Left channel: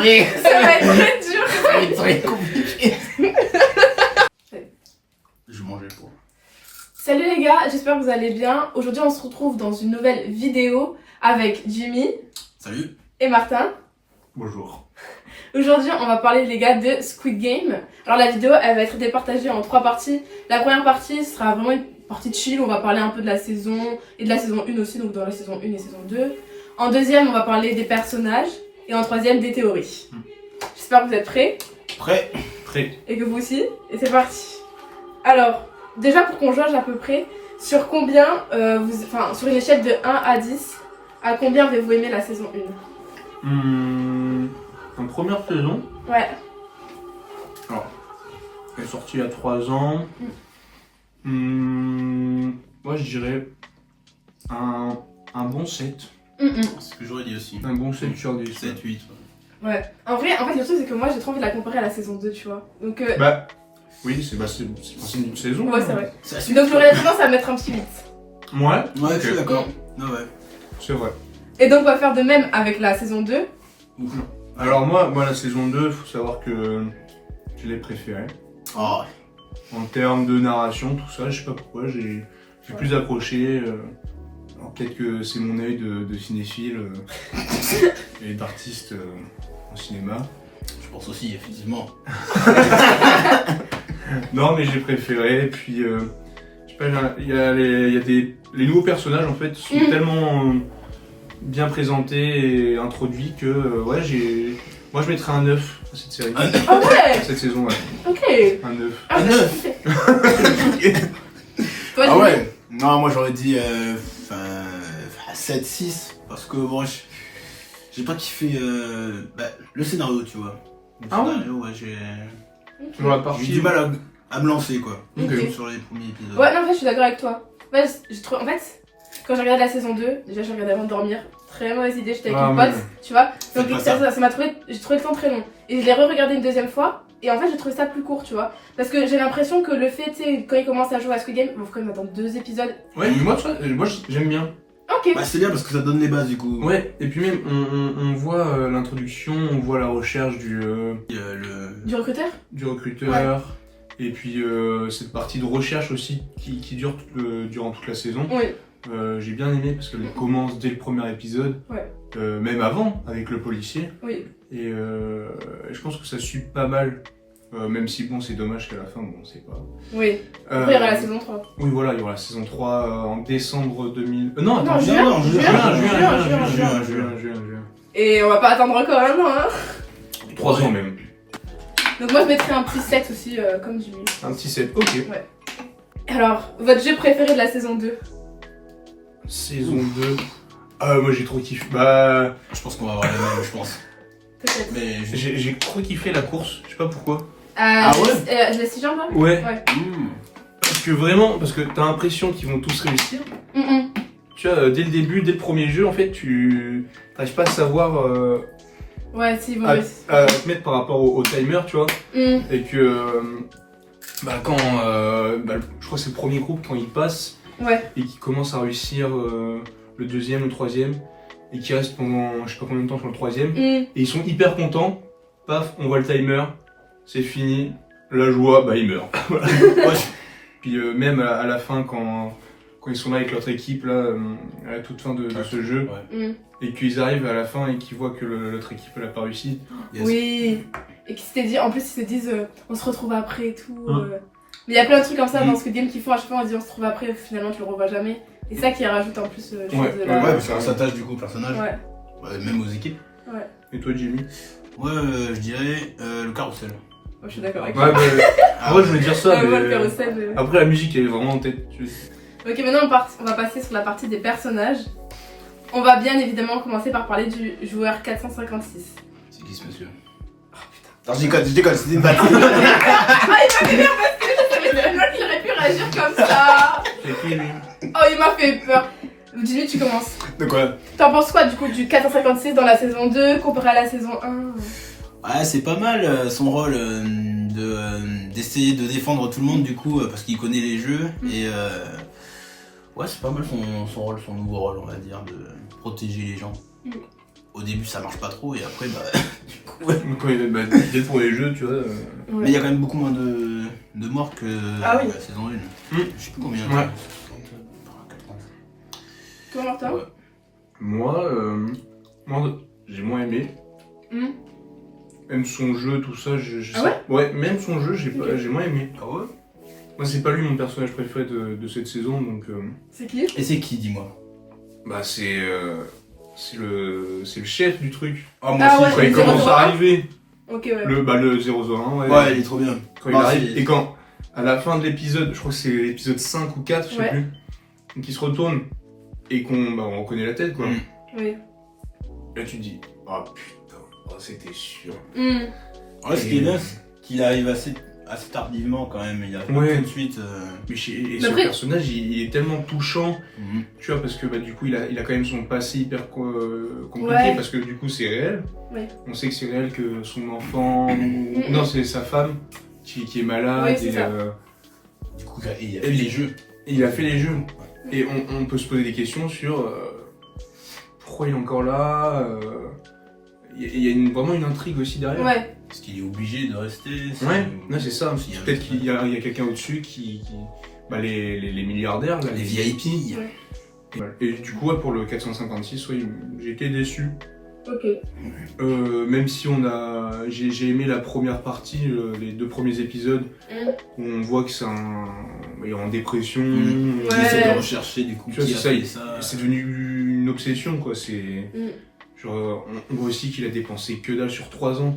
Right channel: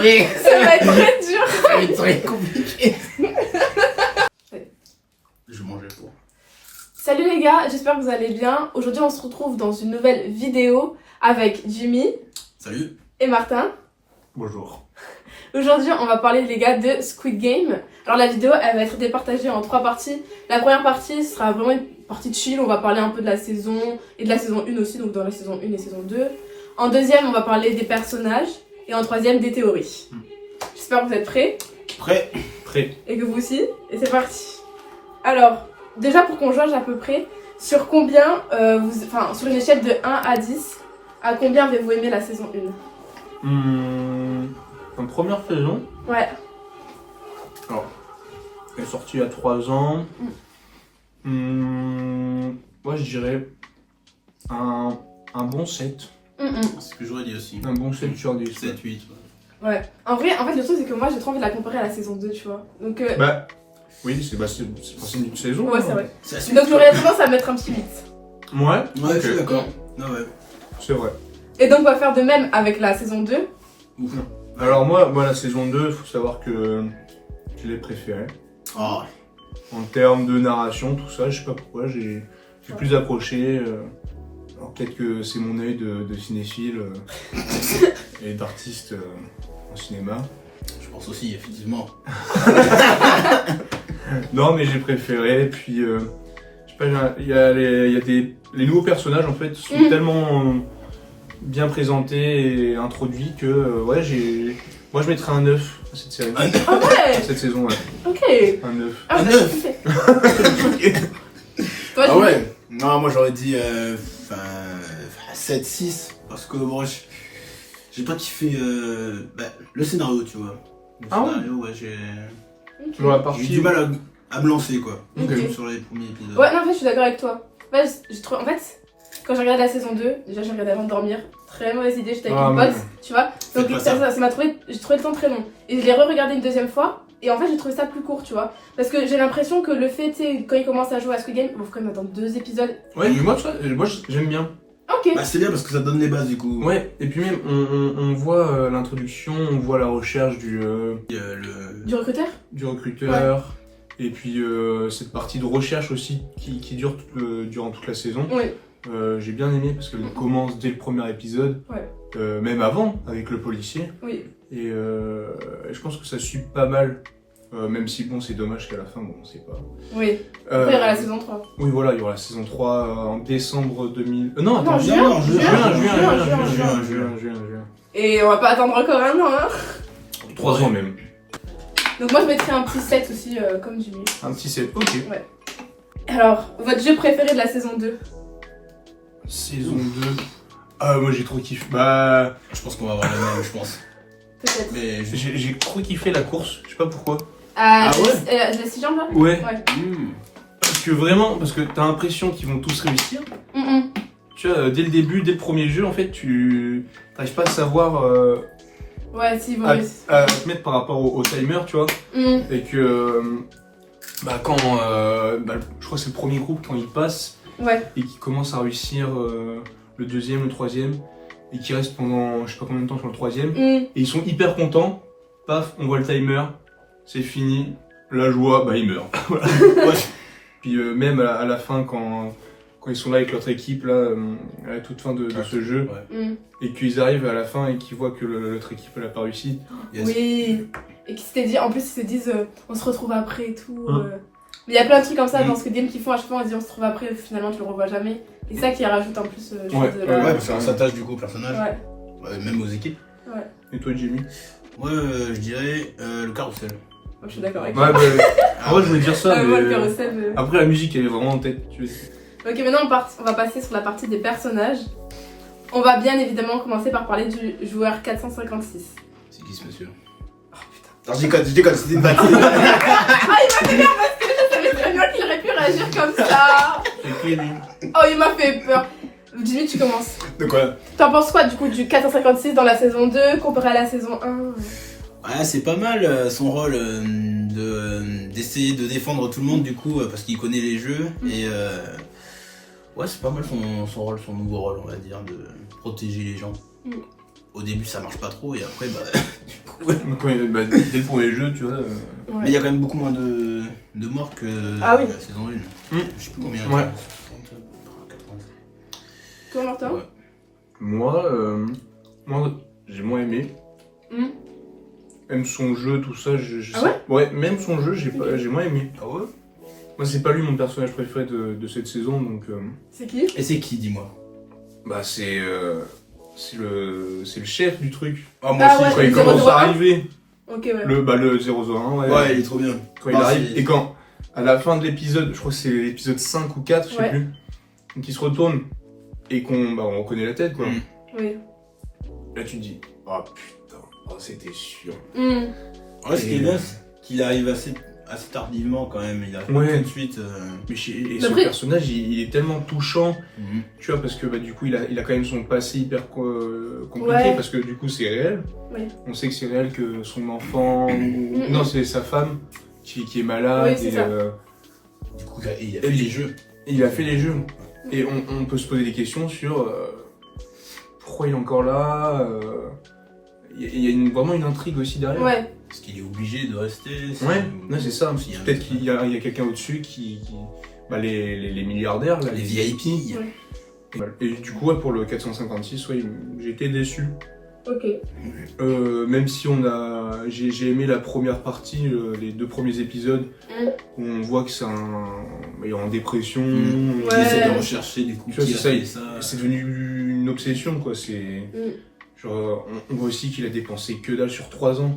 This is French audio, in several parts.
savais. Ça va être très dur. Ça va être très compliqué. Je mangeais pour. Salut les gars, j'espère que vous allez bien. Aujourd'hui on se retrouve dans une nouvelle vidéo avec Jimmy. Salut. Et Martin. Bonjour. Aujourd'hui on va parler les gars de Squid Game. Alors la vidéo elle va être départagée en 3 parties. La première partie sera vraiment une partie de chill, on va parler un peu de la saison et de la saison 1 aussi, donc dans la saison 1 et saison 2. En deuxième on va parler des personnages et en troisième des théories. J'espère que vous êtes prêts. Prêt. Et que vous aussi. Et c'est parti. Alors, déjà pour qu'on jauge à peu près, sur combien, sur une échelle de 1 à 10, à combien avez-vous aimé la saison 1 En première saison, Ouais. alors, elle est sortie il y a 3 ans. Moi je dirais un bon 7. C'est ce que j'aurais dit aussi. Un bon 7 sur 10. 7, 8. Ouais. En fait, le truc c'est que moi j'ai trop envie de la comparer à la saison 2, tu vois. Donc, Bah, oui, c'est le principe d'une saison. ouais, hein. c'est vrai. C'est assez Donc j'aurais tendance à mettre un petit 8. Ouais, Ouais, ok, je suis d'accord. Ah ouais. c'est vrai. Et donc on va faire de même avec la saison 2. Alors moi la saison 2, faut savoir que je l'ai préférée. Oh. En termes de narration, tout ça, je sais pas pourquoi, j'ai plus accroché. Alors peut-être que c'est mon œil de cinéphile et d'artiste en cinéma. Je pense aussi, effectivement. Non mais j'ai préféré, puis je sais pas, il y a les nouveaux personnages en fait sont tellement bien présentés et introduits que moi je mettrais un 9 à cette série. Ah ouais. Cette saison, ouais. Ok. Un 9. Ah, Un bah, 9. ok. Toi, Ah Jimmy ouais. Non, moi j'aurais dit 7, 6. Parce que bon, j'ai pas kiffé le scénario, tu vois. Le Ah ouais. scénario, ouais, j'ai Dans la eu partie. du mal à me lancer, quoi. Ok. Sur les premiers épisodes. Ouais, non, en fait, je suis d'accord avec toi. Ouais, en fait, quand j'ai regardé la saison 2, déjà, j'ai regardé avant de dormir. Très mauvaise idée, j'étais avec Ah, une ouais. pote, tu vois. Faites Donc, pas ça ça. m'a trouvé, j'ai trouvé le temps très long. Et je l'ai re-regardé une deuxième fois. Et en fait, j'ai trouvé ça plus court, tu vois. Parce que j'ai l'impression que le fait, tu sais, quand il commence à jouer à Squid Game, il faut quand même attendre 2 épisodes. Ouais, mais moi j'aime bien. Ok. Bah, c'est bien parce que ça donne les bases, du coup. Ouais, et puis même on voit l'introduction, on voit la recherche du Du recruteur. recruteur, et puis cette partie de recherche aussi qui dure durant toute la saison. Oui. J'ai bien aimé parce qu'elle commence dès le premier épisode, Ouais. même avant avec le policier, Oui. et je pense que ça suit pas mal, même si bon c'est dommage qu'à la fin, bon on sait pas. Oui. Après, il y aura la saison 3. Oui voilà, il y aura la saison 3 en décembre 2000... non attends, Non, juin. juin. Et on va pas attendre encore un an, hein. 3 ans même. Donc, moi, je mettrais un petit 7 aussi, comme Jimmy. Un petit 7, ok. Alors, votre jeu préféré de la saison 2? Saison 2. Ah, moi j'ai trop kiffé. Bah, Je pense qu'on va avoir la même, je pense. Peut-être. Mais j'ai trop kiffé la course, je sais pas pourquoi. Ah ouais. Je laisse 6 jambes là. Ouais. Ouais. Parce que t'as l'impression qu'ils vont tous réussir. Tu vois, dès le début, dès le premier jeu, en fait, tu t'arrives pas à savoir Ouais, si, vous à te mettre par rapport au timer, tu vois. Et que, quand, je crois que c'est le premier groupe quand il passe Ouais. et qui commence à réussir le deuxième, le troisième, et qui reste pendant je sais pas combien de temps sur le troisième. Et ils sont hyper contents. Paf, on voit le timer, c'est fini. La joie, bah il meurt. Voilà. Ouais. Puis même à la fin, quand ils sont là avec notre équipe, là, à la toute fin de ce jeu, et qu'ils arrivent à la fin et qu'ils voient que l'autre équipe elle a pas réussi. Yes. Oui. Et qu'ils s'étaient dit, en plus, ils se disent, on se retrouve après et tout. Mais il y a plein de trucs comme ça dans Squid Game qu'ils font à chaque fois, on se dit, on se retrouve après, finalement, tu le revois jamais. Et ça qui rajoute en plus, je Ouais, trouve, de Ouais, la... parce qu'on s'attache du coup au personnage. Ouais. Ouais, même aux équipes. Et toi, Jimmy? Moi, je dirais le carrousel. Moi, je suis d'accord avec Ouais, toi. en vrai, je voulais dire ça, Moi, le mais carrousel, après la musique elle est vraiment en tête. Ok, maintenant on va passer sur la partie des personnages. On va bien évidemment commencer par parler du joueur 456. C'est qui ce monsieur? Oh putain. Non, je déconne, c'était une bataille. Ah, il m'a fait peur parce que je savais très bien qu'il aurait pu réagir comme ça. C'est qui lui? Oh, il m'a fait peur. Jimmy, tu commences. De quoi? T'en penses quoi du coup du 456 dans la saison 2 comparé à la saison 1? Ouais, c'est pas mal son rôle d'essayer de défendre tout le monde du coup parce qu'il connaît les jeux et ouais c'est pas mal son rôle, son nouveau rôle on va dire de protéger les gens. Au début ça marche pas trop et après bah du coup Dès le premier jeu, tu vois. Ouais. Mais il y a quand même beaucoup moins de morts que Ah oui. la saison 1. Je sais plus combien. Ouais. 80. Toi, Martin Ouais. Moi, j'ai moins aimé. Même son jeu, tout ça, je Ah sais. Ouais, même son jeu, j'ai moins aimé. Ah ouais? Moi, c'est pas lui mon personnage préféré de cette saison, donc. C'est qui? Et c'est qui, dis-moi? Bah, c'est le chef du truc. Ah, Ah ouais. Quand il le commence 001. à arriver, Ok, ouais. le 001, ouais. Ouais, il est trop bien. Quand il Non, arrive, c'est- et quand, à la fin de l'épisode, je crois que c'est l'épisode 5 ou 4, je sais Ouais. plus, donc il se retourne et on connaît la tête, quoi. Oui. Là, tu te dis, oh putain, oh, c'était sûr. Ouais, ce qui est bien, c'est qu'il arrive assez tardivement quand même. Il a pas Ouais. tout de suite. Mais Mais ce après- personnage, il est tellement touchant, Mhm. tu vois, parce que du coup, il a quand même son passé hyper compliqué, Ouais. parce que du coup, c'est réel. Oui. On sait que c'est réel que son enfant, non, c'est sa femme qui est malade, Oui, c'est et, ça. Du coup, il a Et fait les jeux. et il a fait les jeux. Et on peut se poser des questions sur pourquoi il est encore là. Il y a vraiment une intrigue aussi derrière. Ouais. Parce qu'il est obligé de rester. Ouais, c'est ça. S'il y a un- Peut-être qu'il y a quelqu'un au-dessus qui les milliardaires, là, Les VIP. Ouais. Et du coup, ouais, pour le 456, ouais, j'ai été déçu. Ok. Même si j'ai aimé la première partie, les 2 premiers épisodes, où on voit que il est en dépression. Il Ouais. essaie de rechercher du coup Tu vois, qui c'est a ça, fait ça. C'est devenu une obsession, quoi. Genre, on voit aussi qu'il a dépensé que dalle sur 3 ans.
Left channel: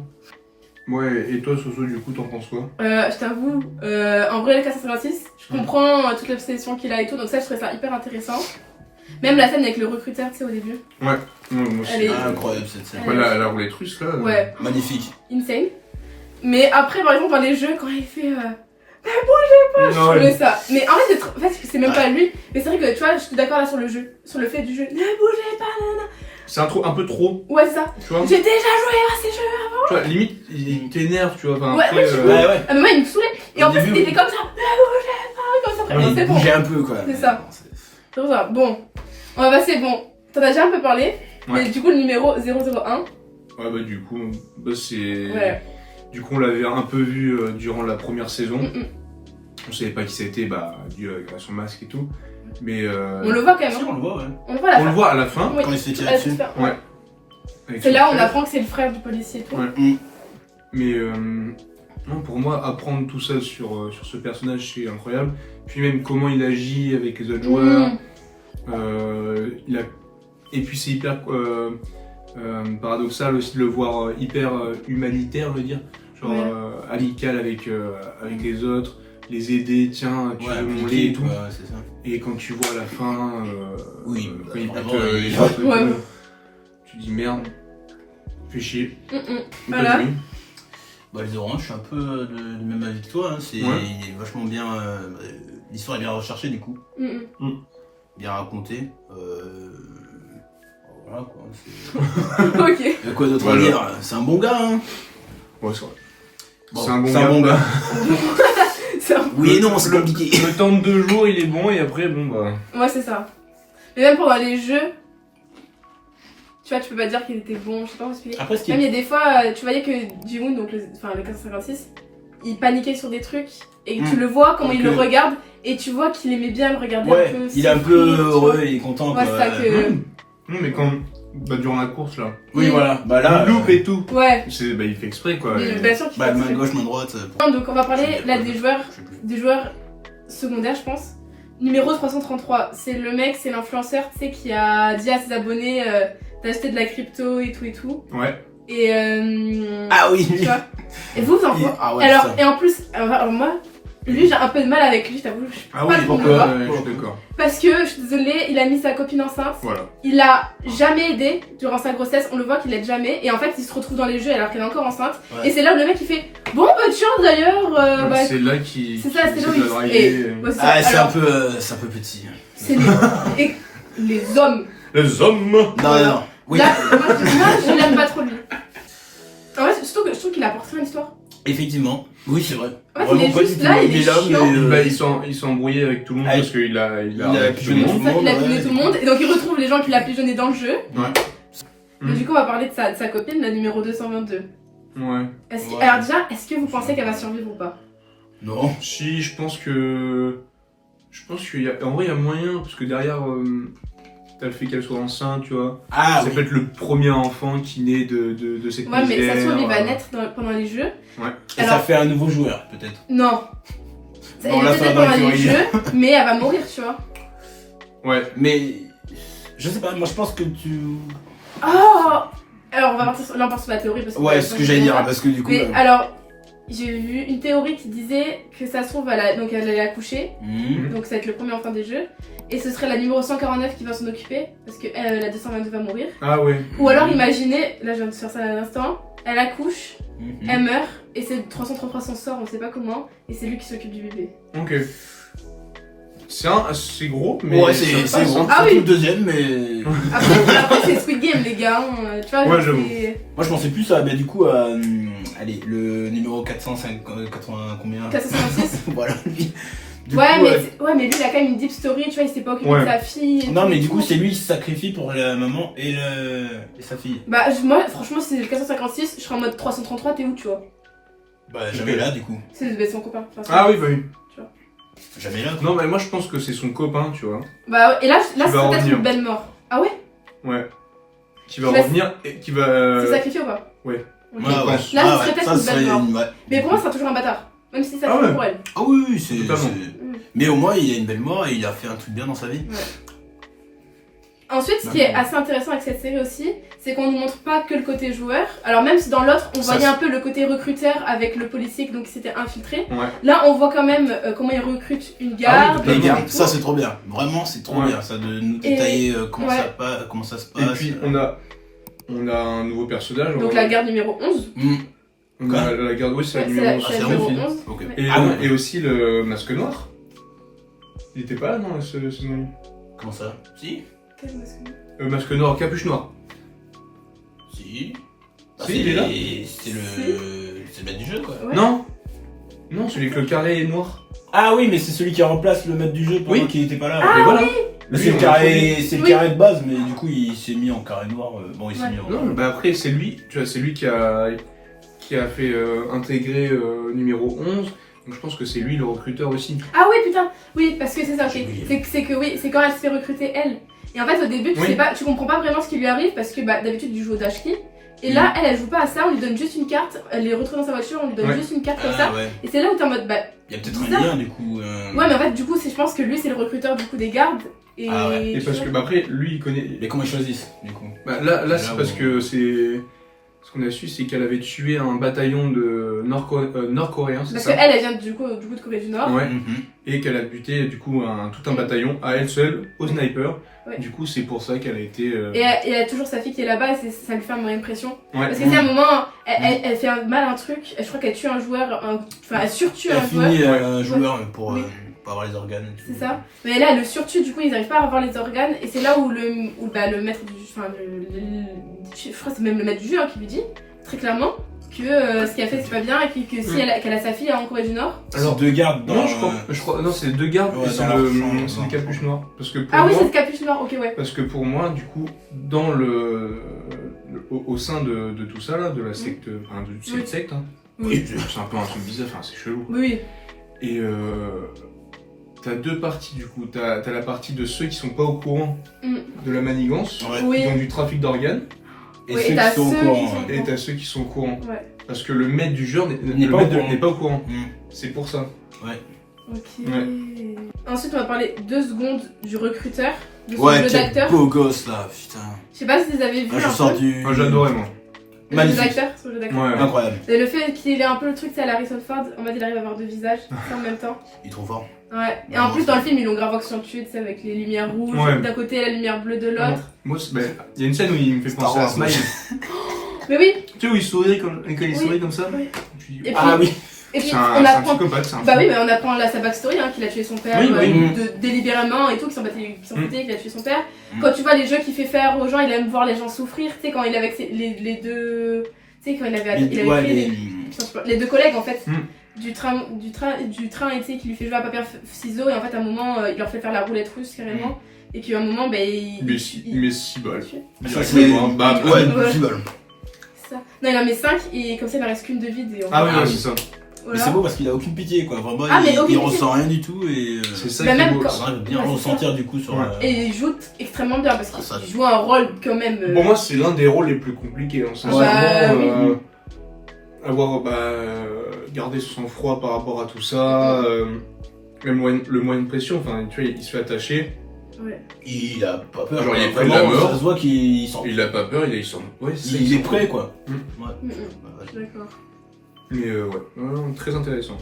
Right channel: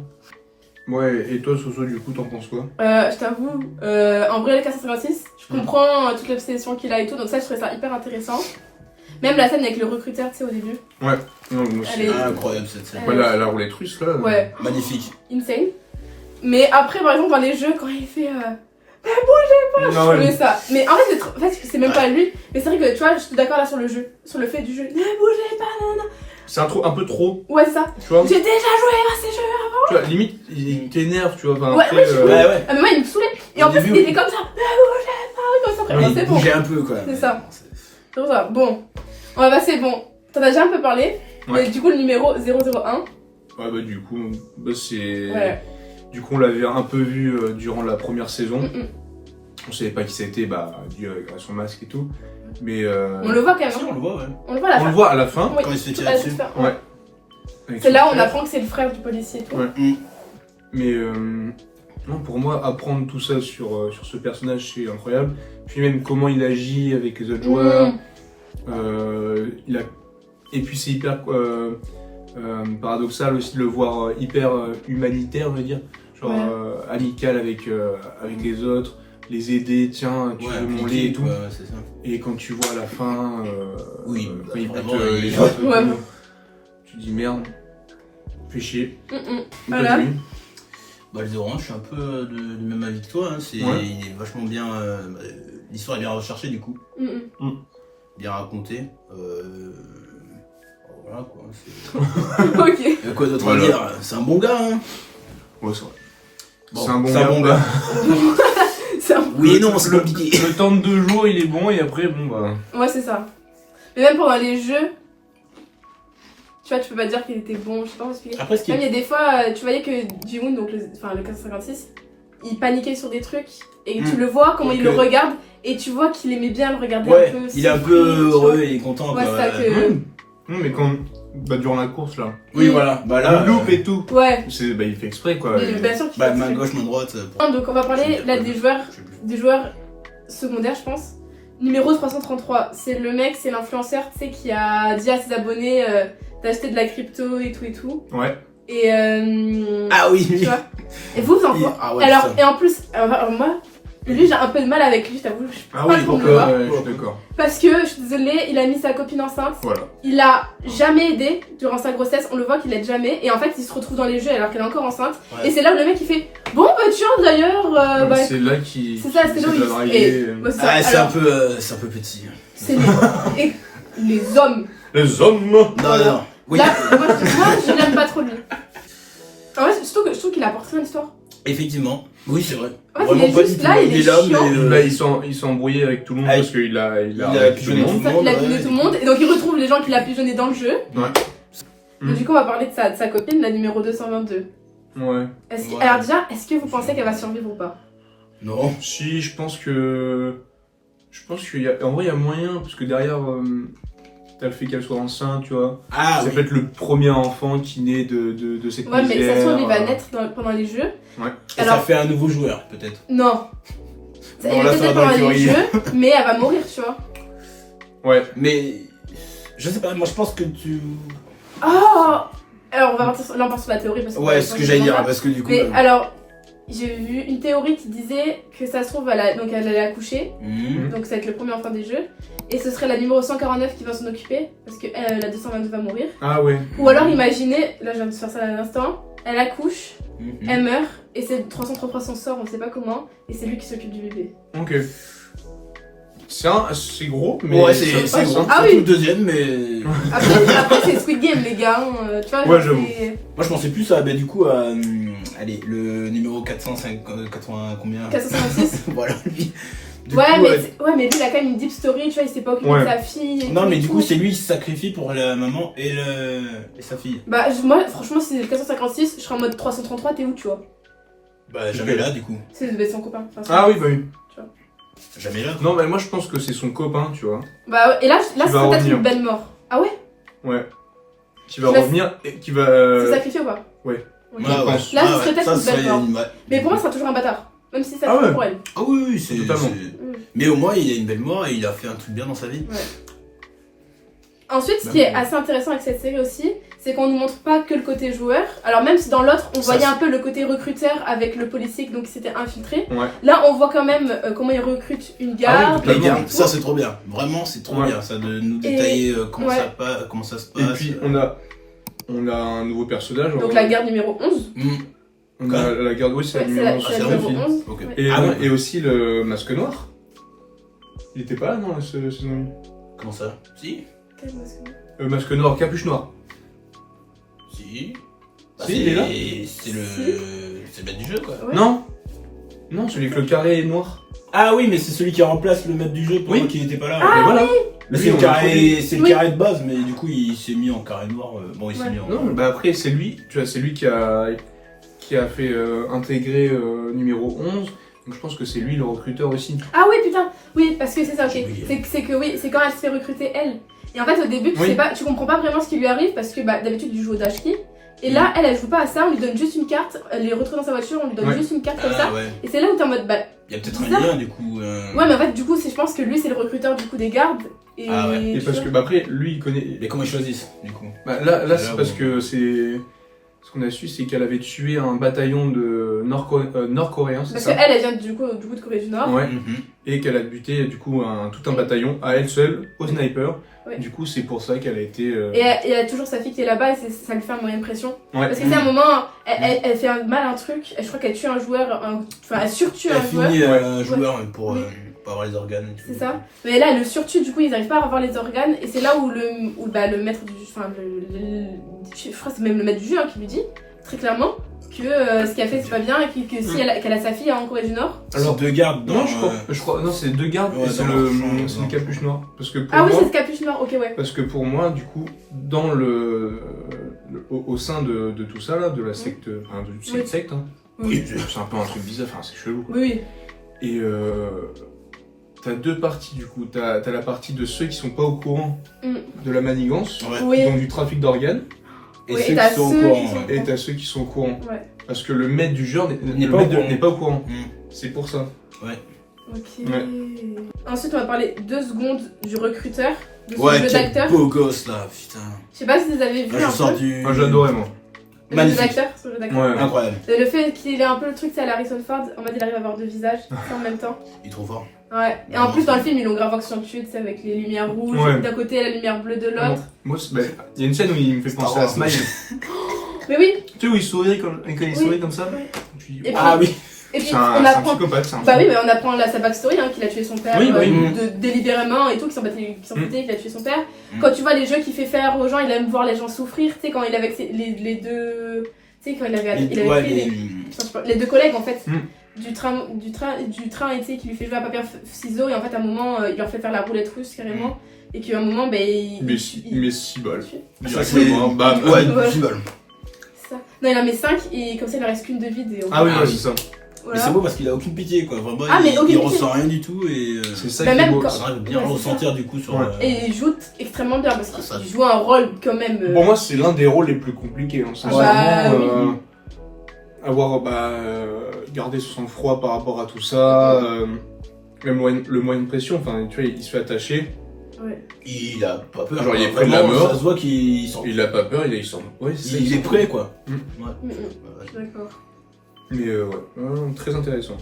Ouais, et toi, Soso, du coup, t'en penses quoi? Je t'avoue, en vrai, le 456, je comprends toute l'obsession qu'il a et tout, donc ça, je trouvais ça hyper intéressant. Même la scène avec le recruteur, tu sais, au début. Ouais, non, moi aussi. Elle est- Ah, incroyable cette scène. Ouais, la roulette russe, là. Ouais, Magnifique. insane. Mais après, par exemple, dans les jeux, quand il fait. Je Non, trouvais ouais. ça. Mais en fait, c'est même pas lui. Mais c'est vrai que tu vois, je suis d'accord là sur le jeu, sur le fait du jeu. Ne bougez pas. C'est un peu trop, Ouais, c'est ça. tu vois. J'ai déjà joué à ces jeux. Tu vois, limite, il t'énerve, tu vois. Enfin, Ouais, après, Ouais, ouais. Ah, mais moi, il me saoulait. Et Au en plus, début, il était comme ça. Ne bougez pas. Comme ça, après, Il c'est bon. bougeait un peu quoi. C'est ça. C'est pour ça. Bon, on va passer. Bon, t'en as déjà un peu parlé. Ouais. Mais du coup, le numéro 001. ouais, du coup, c'est. Ouais. Du coup, on l'avait un peu vu durant la première saison. Mm. On savait pas qui c'était, dû à son masque et tout. Mais. On le voit quand même. Si, hein. on le voit, ouais. On le voit à la On fin. le voit à la fin. Oui. Quand il se fait tirer Ouais, dessus. c'est ça. Ouais. Avec C'est son là où on frère. apprend que c'est le frère du policier et tout. Ouais. Mm. Mais non, pour moi, apprendre tout ça sur ce personnage, c'est incroyable. Puis même comment il agit avec les autres joueurs. Et puis c'est hyper paradoxal aussi de le voir hyper humanitaire, je veux dire. Genre Ouais. amical avec les autres, les aider, tiens, tu Ouais, veux mon impliqué, lait et tout. quoi, c'est ça. Et quand tu vois à la fin, Oui, quand il vraiment, bute les il- autres, et Ouais. tout, tu dis merde, fais chier. Voilà. T'as vu Bah, le 01, je suis un peu du même avis que toi. Hein. Il est vachement bien. L'histoire est bien recherchée du coup. Bien racontée. Voilà quoi. Ok. Quoi d'autre Voilà. à dire? C'est un bon gars. Hein. Ouais, c'est vrai. Bon, c'est un bon gars. C'est un- Oui et non, c'est compliqué. Le temps de 2 jours, il est bon, et après, bon bah. Ouais, c'est ça. Mais même pendant les jeux, tu vois, tu peux pas dire qu'il était bon, je sais pas comment expliquer. Après, ce qui Même il est. y a des fois, tu voyais que Ji-Woon, donc le 456, il paniquait sur des trucs et tu le vois comment Donc, il le regarde et tu vois qu'il aimait bien le regarder Ouais, un peu. il est un souffrir, peu tu vois. heureux et content Ouais, quoi. c'est ça que. Non, mais quand. Durant la course là. Oui, voilà. Bah là. Le loop et tout. Ouais. Il fait exprès quoi. Mais bien sûr qu'il Bah, fait main ça. gauche, main droite. Donc on va parler là Je sais plus. des joueurs secondaires, je pense. Numéro 333, c'est le mec, c'est l'influenceur, tu sais, qui a dit à ses abonnés d'acheter de la crypto et tout. Ouais. Et Ah oui. tu vois. Et vous en quoi Ah ouais. Alors, ça. et en plus, alors moi, lui j'ai un peu de mal avec lui, je t'avoue. Je suis Ah pas oui, trop pourquoi d'accord. je suis d'accord. Parce que, je suis désolée, il a mis sa copine enceinte. Voilà. Il a jamais aidé durant sa grossesse, on le voit qu'il l'aide jamais. Et en fait, il se retrouve dans les jeux alors qu'elle est encore enceinte. Ouais. Et c'est là où le mec il fait bon, bah tiens d'ailleurs. bah, C'est là qu'il. c'est ça, c'est qu'il là où essaie de il. la draguer. et- ouais, c'est ça. Ah, c'est un Alors, peu petit. c'est et les hommes. Les hommes. Non, Voilà. non. Oui. Là, moi, je l'aime pas trop lui. En vrai, je trouve qu'il apporte rien à l'histoire. Effectivement. Oui, c'est vrai. En fait, Vraiment il est pas juste du tout. là, il est là, chiant. mais. Il s'est embrouillé avec tout le monde Avec- parce qu'il a il a arrêté tout le pigeonné monde. tout le monde. Il a ouais, pigeonné tout le monde. Et donc, il retrouve les gens qu'il a pigeonnés dans le jeu. Ouais. Et du coup, on va parler de sa copine, la numéro 222. Ouais. Alors déjà, est-ce que vous pensez qu'elle va survivre ou pas? Non. Si, je pense qu'il y a... En vrai, il y a moyen, parce que derrière, t'as le fait qu'elle soit enceinte, tu vois. Ah ça oui. peut être le premier enfant qui naît de cette Ouais, mais misère. ça se trouve, il va naître pendant les jeux. Ouais. Et Alors- ça fait un nouveau joueur, peut-être. Non. Non, Elle là, est ça va peut-être dans pendant les l'écurie. jeux, mais elle va mourir, tu vois. Ouais. Mais. Je sais pas, moi je pense que tu. Oh. Alors, on va partir sur la théorie. Parce que Ouais, c'est ce que j'allais dire, parce que du coup. Mais alors, j'ai vu une théorie qui disait que ça se trouve, donc elle allait accoucher. Mhm. Donc ça va être le premier enfant des jeux. Et ce serait la numéro 149 qui va s'en occuper. Parce que la 222 va mourir. Ah ouais. Ou alors imaginez, là je viens de faire ça à l'instant, elle accouche, Mhm. elle meurt, et c'est 333 s'en sort, on sait pas comment, et c'est lui qui s'occupe du bébé. Ok. C'est gros, mais Ouais, ça c'est passe, gros. hein. Ah Surtout oui. le deuxième, mais. Après c'est Squid Game les gars, tu vois. Ouais, j'avoue. Moi je pensais plus à, bah, du coup, à. Allez, le numéro 480 combien 456. Voilà, lui. Du Ouais, coup, mais lui il a quand même une deep story, tu vois, il s'est pas occupé Ouais. de sa fille. et Non, tout, mais et du tout. coup, c'est lui qui se sacrifie pour la maman et sa fille. Bah moi franchement si c'est le 456, je serais en mode 333, t'es où tu vois? Bah, jamais là, du coup. C'est son copain. Enfin, Ah oui, bah oui. Jamais là. Non, mais moi je pense que c'est son copain, tu vois. Bah et là c'est va peut-être revenir. une belle mort. Ah ouais? Ouais. Qui va Tu vas- revenir et qui va. C'est sacrifié ou pas? ouais. Ok. Ouais, ouais. Là, ce serait peut-être ça une belle serait mort. ouais. Mais pour moi, ce sera toujours un bâtard. Même si ça Ah fait ouais. pour elle. Ah oui, oui, c'est. Totalement. Mais au moins, il a une belle mort et il a fait un truc bien dans sa vie. Ensuite, ce qui est assez intéressant avec cette série aussi, c'est qu'on ne nous montre pas que le côté joueur. Alors même si dans l'autre, on Ça, voyait c'est- un peu le côté recruteur avec le policier donc, qui s'était infiltré. Ouais. Là, on voit quand même comment il recrute une Ah oui, garde. totalement. Les gars, et tout. ça c'est trop bien. Vraiment, c'est trop Ouais. bien ça de nous Et- détailler comment, ouais. comment ça se passe. Et puis on a un nouveau personnage. Donc la garde numéro 11. On a la garde, oui, c'est la Ouais, numéro c'est 11. la c'est numéro la 11. Ok. Ouais. Et, Ah ouais. et aussi le masque noir. Il était pas là dans ce saison. Comment ça? Si. Quel masque? Masque noir, capuche noire. Si. Si, il est là. C'est le. C'est le maître du jeu quoi. Ouais. Non. Non, celui que le carré est noir. Ah oui, mais c'est celui qui remplace le maître du jeu pendant Oui. qu'il était pas là. Et voilà. Mais Lui, c'est le on l'a carré, introduit. c'est le Oui. carré de base, mais du coup il s'est mis en carré noir. Bon, il s'est Ouais. mis en. Non, bah après c'est lui, tu vois, c'est lui qui a fait intégrer numéro 11. Donc je pense que c'est lui le recruteur aussi. Ah oui, putain. Oui, parce que c'est ça, ok. J'ai oublié. C'est que oui, c'est quand elle se fait recruter elle. Et en fait, au début, Oui. tu comprends pas vraiment ce qui lui arrive parce que d'habitude, tu joues au dashki. Et là, elle joue pas à ça, on lui donne juste une carte, elle les retrouve dans sa voiture, on lui donne Ouais. juste une carte comme ça. Ah ouais. Et c'est là où t'es en mode, Il y a peut-être bizarre. un lien du coup. Ouais, mais en fait, du coup, je pense que lui, c'est le recruteur du coup des gardes. Et, Ah ouais. Et parce que bah après lui il connaît. Mais comment ils choisissent du coup? Bah, là c'est Là parce où- que c'est. Ce qu'on a su c'est qu'elle avait tué un bataillon de nord-coréens, c'est Parce que ça? elle vient du coup de Corée du Nord. Ouais. Mhm. Et qu'elle a buté du coup tout un bataillon à elle seule au sniper. Ouais. Du coup c'est pour ça qu'elle a été. Et elle a toujours sa fille qui est là-bas et ça lui fait un moyen de pression. Ouais. Parce que c'est un moment, elle fait mal un truc, je crois qu'elle tue un joueur, enfin elle surtue Elle un joueur. finit Ouais. joueur pour Oui. pas avoir les organes et tout. C'est ça. Mais là, elle le surtue, du coup, ils n'arrivent pas à avoir les organes. Et c'est là où le maître du. Enfin, je crois que c'est même le maître du jeu hein, qui lui dit, très clairement, que ce qu'elle fait, c'est pas bien. Et que si qu'elle a sa fille en Corée du Nord. Alors deux gardes dans. Non, je crois. Non, c'est deux gardes Ouais, et c'est dans le, la chambre, c'est non. le capuche noir. Parce que pour Ah oui, moi. c'est le capuche noir, ok, ouais. Parce que pour moi, du coup, dans au sein de tout ça, là, de la secte. Enfin, c'est Oui. une secte, hein. Oui, C'est un peu un truc bizarre, enfin, c'est chelou. Oui, oui. Et t'as deux parties, du coup. T'as la partie de ceux qui sont pas au courant Mm. de la manigance, Ouais. Oui. donc du trafic d'organes, Et Ouais, ceux et t'as qui sont au ceux courant. qui sont- ouais. et t'as ceux qui sont au courant. Ouais. Parce que le maître du jeu N'est pas au courant. n'est pas au courant. Mm. C'est pour ça. Ok. Ouais. Ensuite, on va parler 2 secondes du recruteur, de son Ouais, jeu quel d'acteur. beau gosse là, putain. Je sais pas si vous avez vu Ah, je un sors peu. du. Ah, j'adorais, moi. Le jeu Magnifique. d'acteur, son jeu d'acteur. Ouais. Incroyable. Et le fait qu'il ait un peu le truc, c'est à la Harrison Ford, en mode il arrive à avoir 2 visages en même temps. Il est trop fort. Ouais. Et en plus, dans le film, ils l'ont grave accentué, tu sais, avec les lumières rouges Ouais. d'un côté et la lumière bleue de Ah, l'autre. Moi, il y a une scène où il me fait Star penser à Wars. Smile. Mais oui. Tu sais où il sourit quand il Oui. sourit comme ça. Oui. Je dis, Et puis, Ah oui. et puis c'est on un apprend. psychopathe, c'est un Bah fou. oui, mais on apprend sa backstory, hein, qu'il a tué son père Oui, oui. délibérément et tout, qu'il s'en foutait, qu'il a tué son père. Mm. Quand tu vois les jeux qu'il fait faire aux gens, il aime voir les gens souffrir, tu sais, quand il est avec les deux. Tu sais, quand il avait Les, ouais, pris les... les deux collègues en fait. Mm. Du train, et tu sais, qui lui fait jouer à papier ciseaux, et en fait, à un moment, il leur fait faire la roulette russe carrément. Et qu'à un moment, ben. Il met 6 balles. tue. Ça, Directement, bam. Ouais, Ouais. 10 balles. Ça. Non, il en met 5 et comme ça, il ne reste qu'une de vide. Et on Ah oui, Ah ouais, oui. c'est ça. voilà. Mais c'est beau parce qu'il a aucune pitié quoi, vraiment Ah, mais il aucune ressent rien du tout et C'est ça Bah, qui est même beau. quand- ça va bien Ouais, c'est ressentir du coup sur Ouais. Et il joue extrêmement bien parce Ah, ça- qu'il joue un rôle quand même. Pour moi, c'est l'un des rôles les plus compliqués. Hein. Bah, Sincèrement, avoir gardé son sang-froid par rapport à tout ça, même le moyen de pression, enfin, tu vois, il se fait attacher. Ouais. il a pas peur. Genre, il est quoi. près de la Vraiment, mort. Ça se voit qu'il sent. Il a pas peur, il sent. Ouais, c'est ça, Il sent est prêt quoi. Mm. Ouais. Je suis d'accord. Mais très intéressant.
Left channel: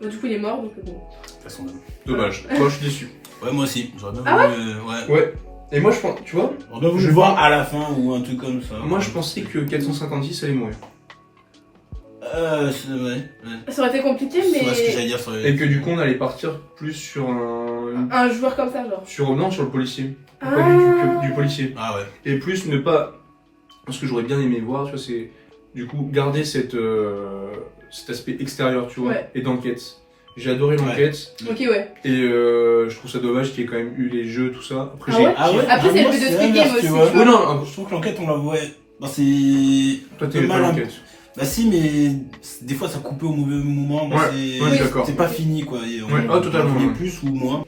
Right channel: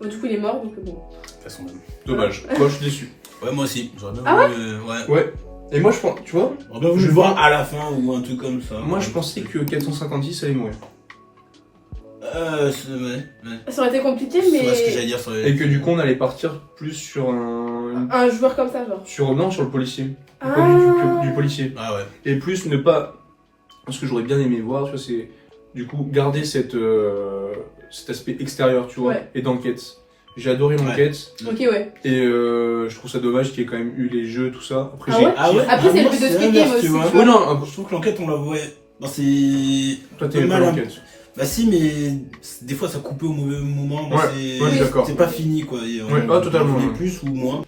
Bon, du coup, il est mort donc bon. De toute façon, même. Dommage. Moi, je suis déçu. Ouais, moi aussi. J'aurais bien Ah voulu. Ouais. Ouais. Et moi, je pense, tu vois, J'aurais bien voulu Je le voir pense- à la fin ou un truc comme ça. moi, je pensais que 456 allait mourir. Ouais. Ça aurait été compliqué, C'est mais. ce que j'allais dire. ça aurait- Et que du coup, on allait partir plus sur Un joueur comme ça, genre. sur le policier. Ah. Pas du policier. Ah ouais. Et plus ne pas. Ce que j'aurais bien aimé voir, tu vois, c'est du coup garder cet aspect extérieur, tu vois, Ouais. et d'enquête. J'ai adoré l'enquête Ok, ouais. et je trouve ça dommage qu'il y ait quand même eu les jeux, tout ça. Après, Ah j'ai. ouais Après, c'est moi, le but de Squid l'inverse, Game aussi, tu vois. tu vois. Oui, non, Je trouve que l'enquête, on la voit. Bah, c'est. toi, t'es pas mal, hein. l'enquête. Bah, si, mais des fois, ça coupait au mauvais moment. Bah, Ouais, c'est... je suis d'accord. C'est pas fini, quoi. Et Ouais, totalement, on voulait ouais. plus ou moins.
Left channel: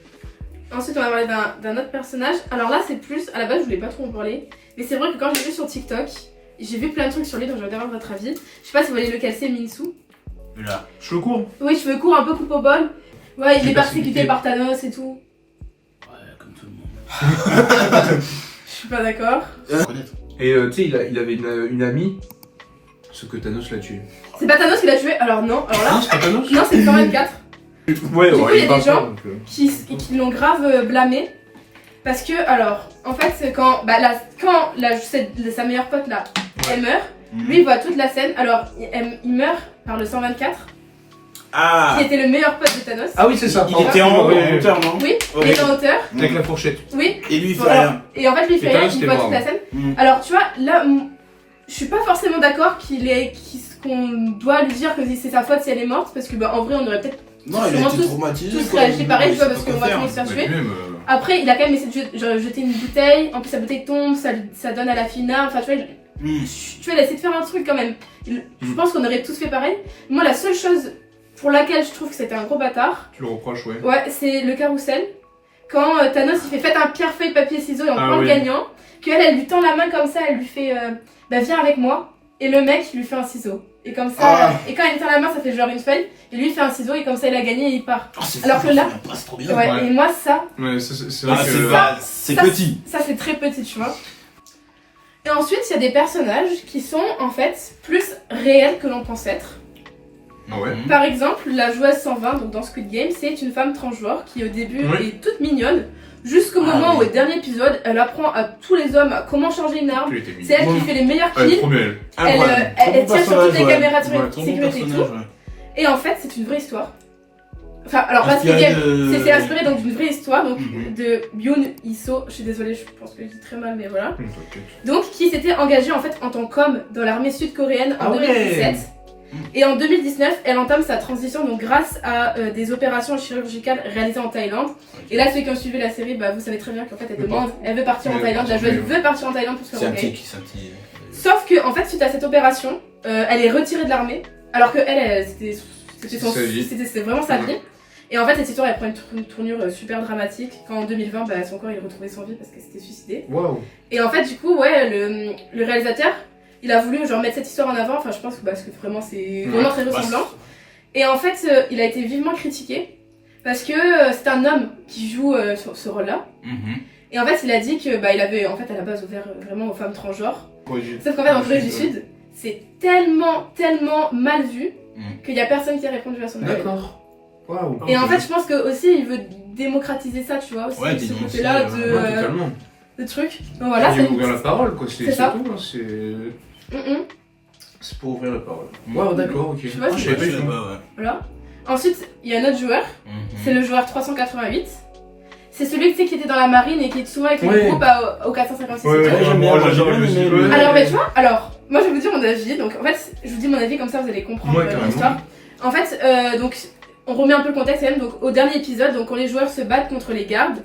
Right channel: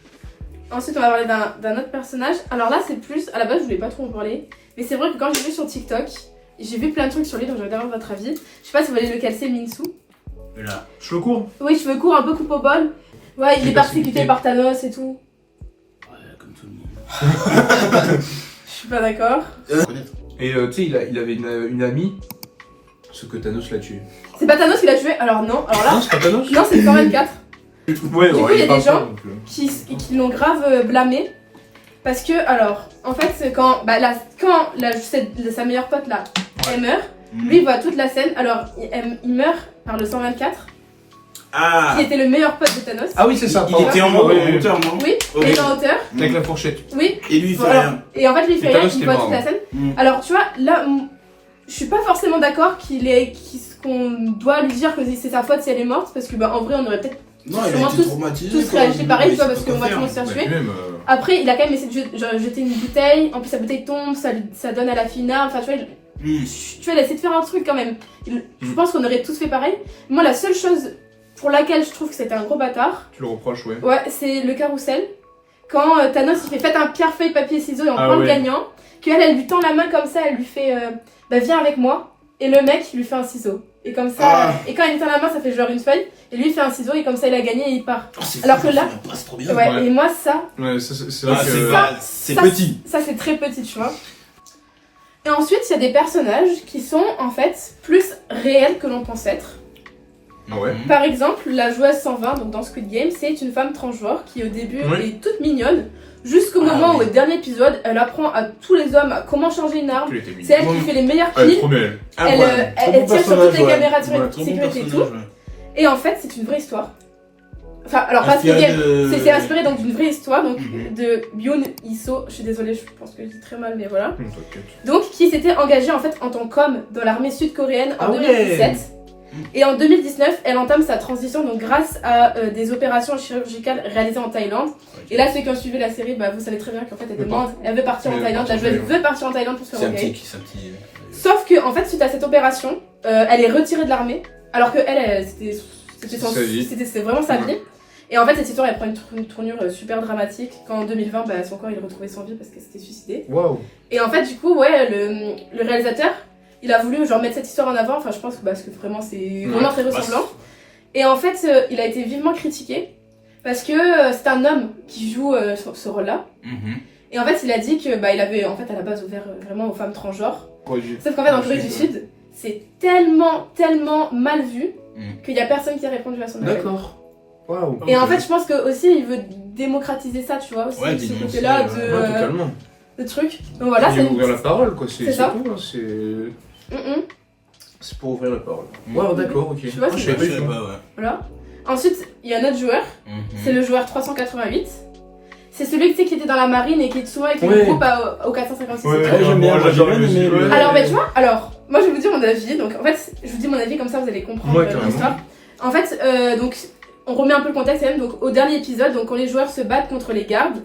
Ensuite, on va parler d'un autre personnage. Alors là, c'est plus. À la base, je voulais pas trop en parler. Mais c'est vrai que quand j'ai vu sur TikTok, j'ai vu plein de trucs sur lui, donc je vais avoir votre avis. Je sais pas si vous voyez lequel c'est, Minsu. Là. Cheveux courts. Oui, cheveux courts, un peu coupe au bol. Ouais, il J'ai est persécuté persécuté. par Thanos et tout. Ouais, comme tout le monde. Je suis pas d'accord. Connaître. Et tu sais, il avait une amie, ce que Thanos l'a tué. C'est pas Thanos qui l'a tué. Alors non. Alors là. Non, c'est pas Thanos. Non, c'est 124. Ouais, Du coup, il y a il parle des gens- pas, donc, qui l'ont grave blâmé. Parce que, alors, en fait, c'est quand sa meilleure pote là, elle meurt, lui il voit toute la scène. Alors, il meurt par le 124, Ah. qui était le meilleur pote de Thanos. Ah oui, c'est ça. Il pardon. était en Ouais, ouais, ouais. hauteur, non? Oui, Ok. il est en hauteur. Avec la fourchette. Oui, Et lui, il fait voilà. rien. Et en fait, lui il fait Et rien, Thanos il était voit mort, toute la ouais. scène. Mm. Alors, tu vois, là, je suis pas forcément d'accord qu'on doit lui dire que c'est sa faute si elle est morte. Parce que, bah, en vrai, on aurait peut-être Non, il a Sûrement été tous- traumatisé. tous quoi. réagi pareil, Il tu vois, sait parce pas qu'on quoi va faire. tous se faire Bah, tuer. puis même, Après, il a quand même essayé de jeter une bouteille. En plus, la bouteille tombe, ça donne à la fille une arme. Enfin, tu vois, Mm. tu vois, il a essayé de faire un truc quand même. Je pense qu'on aurait tous fait pareil. Moi, la seule chose pour laquelle je trouve que c'était un gros bâtard, tu le reproches, ouais. ouais, c'est le carrousel. Quand Thanos il fait faites un pierre, feuille, papier, ciseaux et on Ah prend le ouais. gagnant. Elle lui tend la main comme ça, elle lui fait bah viens avec moi. Et le mec il lui fait un ciseau. Et comme ça, Ah. et quand il lui tend la main, ça fait genre une feuille. Et lui il fait un ciseau et comme ça il a gagné et il part. Oh, c'est Alors fou, que là- ça passe trop bien. Ouais, Ouais. et moi ça, Ouais, ça, c'est vrai Ah, que. c'est ça, petit. Ça c'est très petit, tu vois. Et ensuite, il y a des personnages qui sont en fait plus réels que l'on pense être. Ah ouais. Par exemple, la joueuse 120, donc dans Squid Game, c'est une femme transgenre qui au début Ouais. est toute mignonne, jusqu'au Ah moment oui. où, au dernier épisode, elle apprend à tous les hommes à comment changer une arme. Tu l'étais C'est elle qui Ouais. fait les meilleurs Ouais, kills. trop belle. Incroyable. Trop Elle bon tire sur toutes personnage, les ouais. caméras de Ouais, trop bon sécurité et tout. personnage, ouais. Et en fait, c'est une vraie histoire. Enfin, alors pas Inspiré Squid Game, de- c'est inspiré donc d'une vraie histoire donc Mhm. de Byun Iso. Je suis désolée, je pense que je dis très mal, mais voilà. T'inquiète. Donc, qui s'était engagée en fait en tant qu'homme dans l'armée sud-coréenne en Ah ouais. 2017. Et en 2019, elle entame sa transition donc grâce à des opérations chirurgicales réalisées en Thaïlande. Et là, ceux qui ont suivi la série, bah, vous savez très bien qu'en fait, elle veut partir en Elle veut Thaïlande. La partir en joueuse Thaïlande. veut partir en Thaïlande pour se C'est faire un engager. petit. C'est un petit. Sauf que, en fait, suite à cette opération, elle est retirée de l'armée. Alors que elle, c'était vraiment sa vie. Et en fait, cette histoire, elle prend une tournure super dramatique. Quand en 2020, bah, son corps, il est retrouvé sans vie parce qu'elle s'était suicidée. Waouh. Et en fait, du coup, ouais, le réalisateur, il a voulu genre mettre cette histoire en avant. Enfin, je pense que parce que vraiment, c'est vraiment très ressemblant. Et en fait, il a été vivement critiqué parce que c'est un homme qui joue ce rôle-là. Mhm. Et en fait, il a dit que bah, il avait en fait à la base ouvert vraiment aux femmes transgenres. Sauf qu'en fait, en Corée du Sud, c'est tellement mal vu qu'il y a personne qui a répondu à son appel. D'accord. Waouh. Et en fait, je pense que aussi il veut démocratiser ça, tu vois, aussi Ouais, ce dénoncer, côté-là ouais. Ouais, totalement. de truc. Donc voilà, Et ouvrir la parole, quoi. c'est C'est ça. tout. Hein, c'est. Mm-mm. C'est pour ouvrir la parole. Mhm. Waouh, d'accord, ok. Tu vois, Ah, je c'est- savais pas Je du sais tout. pas, ouais. Voilà. Ensuite, il y a un autre joueur, Mhm. c'est le joueur 388. C'est celui tu sais, qui était dans la marine et qui est souvent avec Ouais. le groupe au 456. Ouais, et tout. Ouais, j'aime bien, moi, moi, j'adore j'ai bien le aimé, musique, ouais. Alors, mais tu vois, moi je vais vous dire mon avis. Donc en fait, je vous dis mon avis comme ça vous allez comprendre Ouais, carrément. l'histoire. En fait, donc on remet un peu le contexte quand même. Donc au dernier épisode, donc quand les joueurs se battent contre les gardes,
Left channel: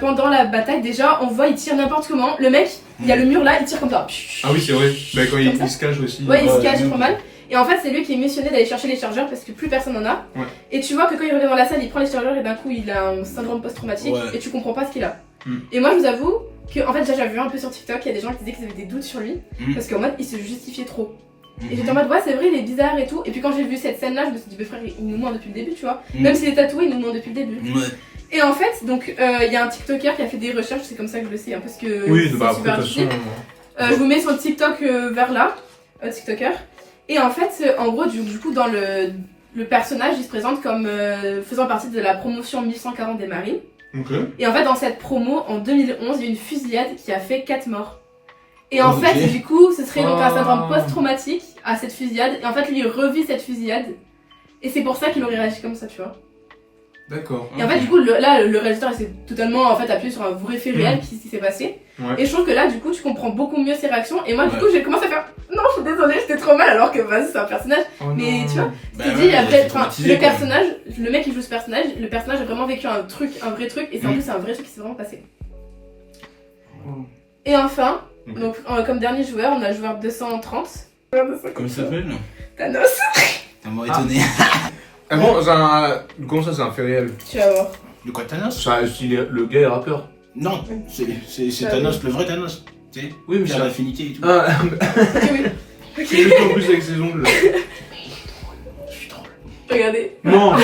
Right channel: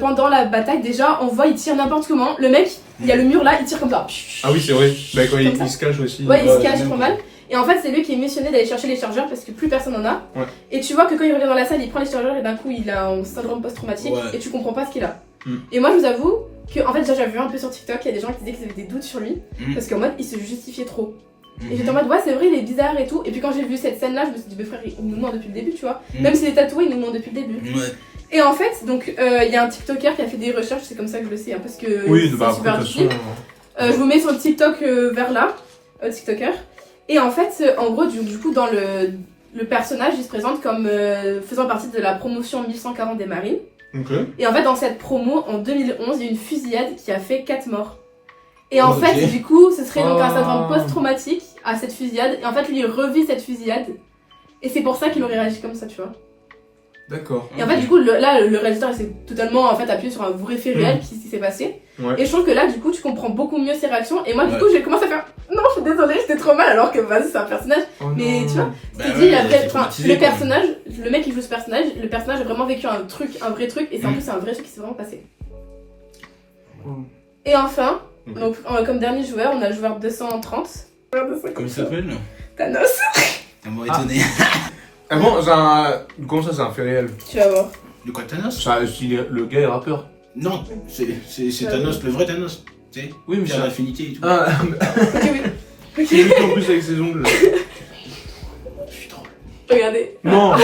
pendant la bataille, déjà, on voit, il tire n'importe comment. Le mec, il y a le mur là, il tire comme ça. Ah oui, c'est vrai. Bah, quand il ça. se cache aussi. Ouais, il se cache trop mal. Et en fait, c'est lui qui est missionné d'aller chercher les chargeurs parce que plus personne n'en a. Ouais. Et tu vois que quand il revient dans la salle, il prend les chargeurs et d'un coup, il a un syndrome post-traumatique Ouais. et tu comprends pas ce qu'il a. Mm. Et moi, je vous avoue que, en fait, déjà, j'avais vu un peu sur TikTok, il y a des gens qui disaient qu'ils avaient des doutes sur lui parce qu'en mode, il se justifiait trop. Et j'étais en mode, ouais, c'est vrai, il est bizarre et tout. Et puis quand j'ai vu cette scène-là, je me suis dit, mais frère, il nous ment depuis le début, tu vois. Même s'il est tatoué, il nous ment depuis le début. Ouais. Et en fait, donc, il y a un TikToker qui a fait des recherches, c'est comme ça que je le sais, hein, parce que. Oui, c'est bah après, super de toute façon. difficile. Je vous mets sur le TikTok vers là, TikToker. Et en fait, en gros, du coup, dans le personnage, il se présente comme faisant partie de la promotion 1140 des marines. Ok. Et en fait, dans cette promo, en 2011, il y a eu une fusillade qui a fait 4 morts. Et en Ok. fait, du coup, ce serait donc un Oh. syndrome post-traumatique à cette fusillade. Et en fait, lui, il revit cette fusillade. Et c'est pour ça qu'il aurait réagi comme ça, tu vois. D'accord. Et en fait, du coup, le réalisateur, il s'est totalement en fait, appuyé sur un vrai fait réel qui s'est passé. Ouais. Et je trouve que là, du coup, tu comprends beaucoup mieux ses réactions. Et moi, du Ouais. coup, j'ai commencé à faire non, je suis désolée, j'étais trop mal, alors que vas-y, c'est un personnage. Oh Mais non. tu vois, Bah je te ouais, dis, après, t'es traumatisé, le quoi. personnage, le mec qui joue ce personnage, le personnage a vraiment vécu un vrai truc. Et c'est en plus, c'est un vrai truc qui s'est vraiment passé. Oh. Et enfin, Ok. donc, comme dernier joueur, on a le joueur 230. Comment il s'appelle? Thanos. Ça m'a étonné. Ah bon, c'est un. Comment ça, c'est un fait réel? Tu vas voir. De quoi, Thanos? Le gars est rappeur. Non, c'est Thanos, le vrai Thanos. Tu sais, Oui, mais qui c'est a l'infinité et tout. Ah, Ok, oui. c'est lui en plus avec ses ongles. Je suis drôle. Regardez. Non! Mais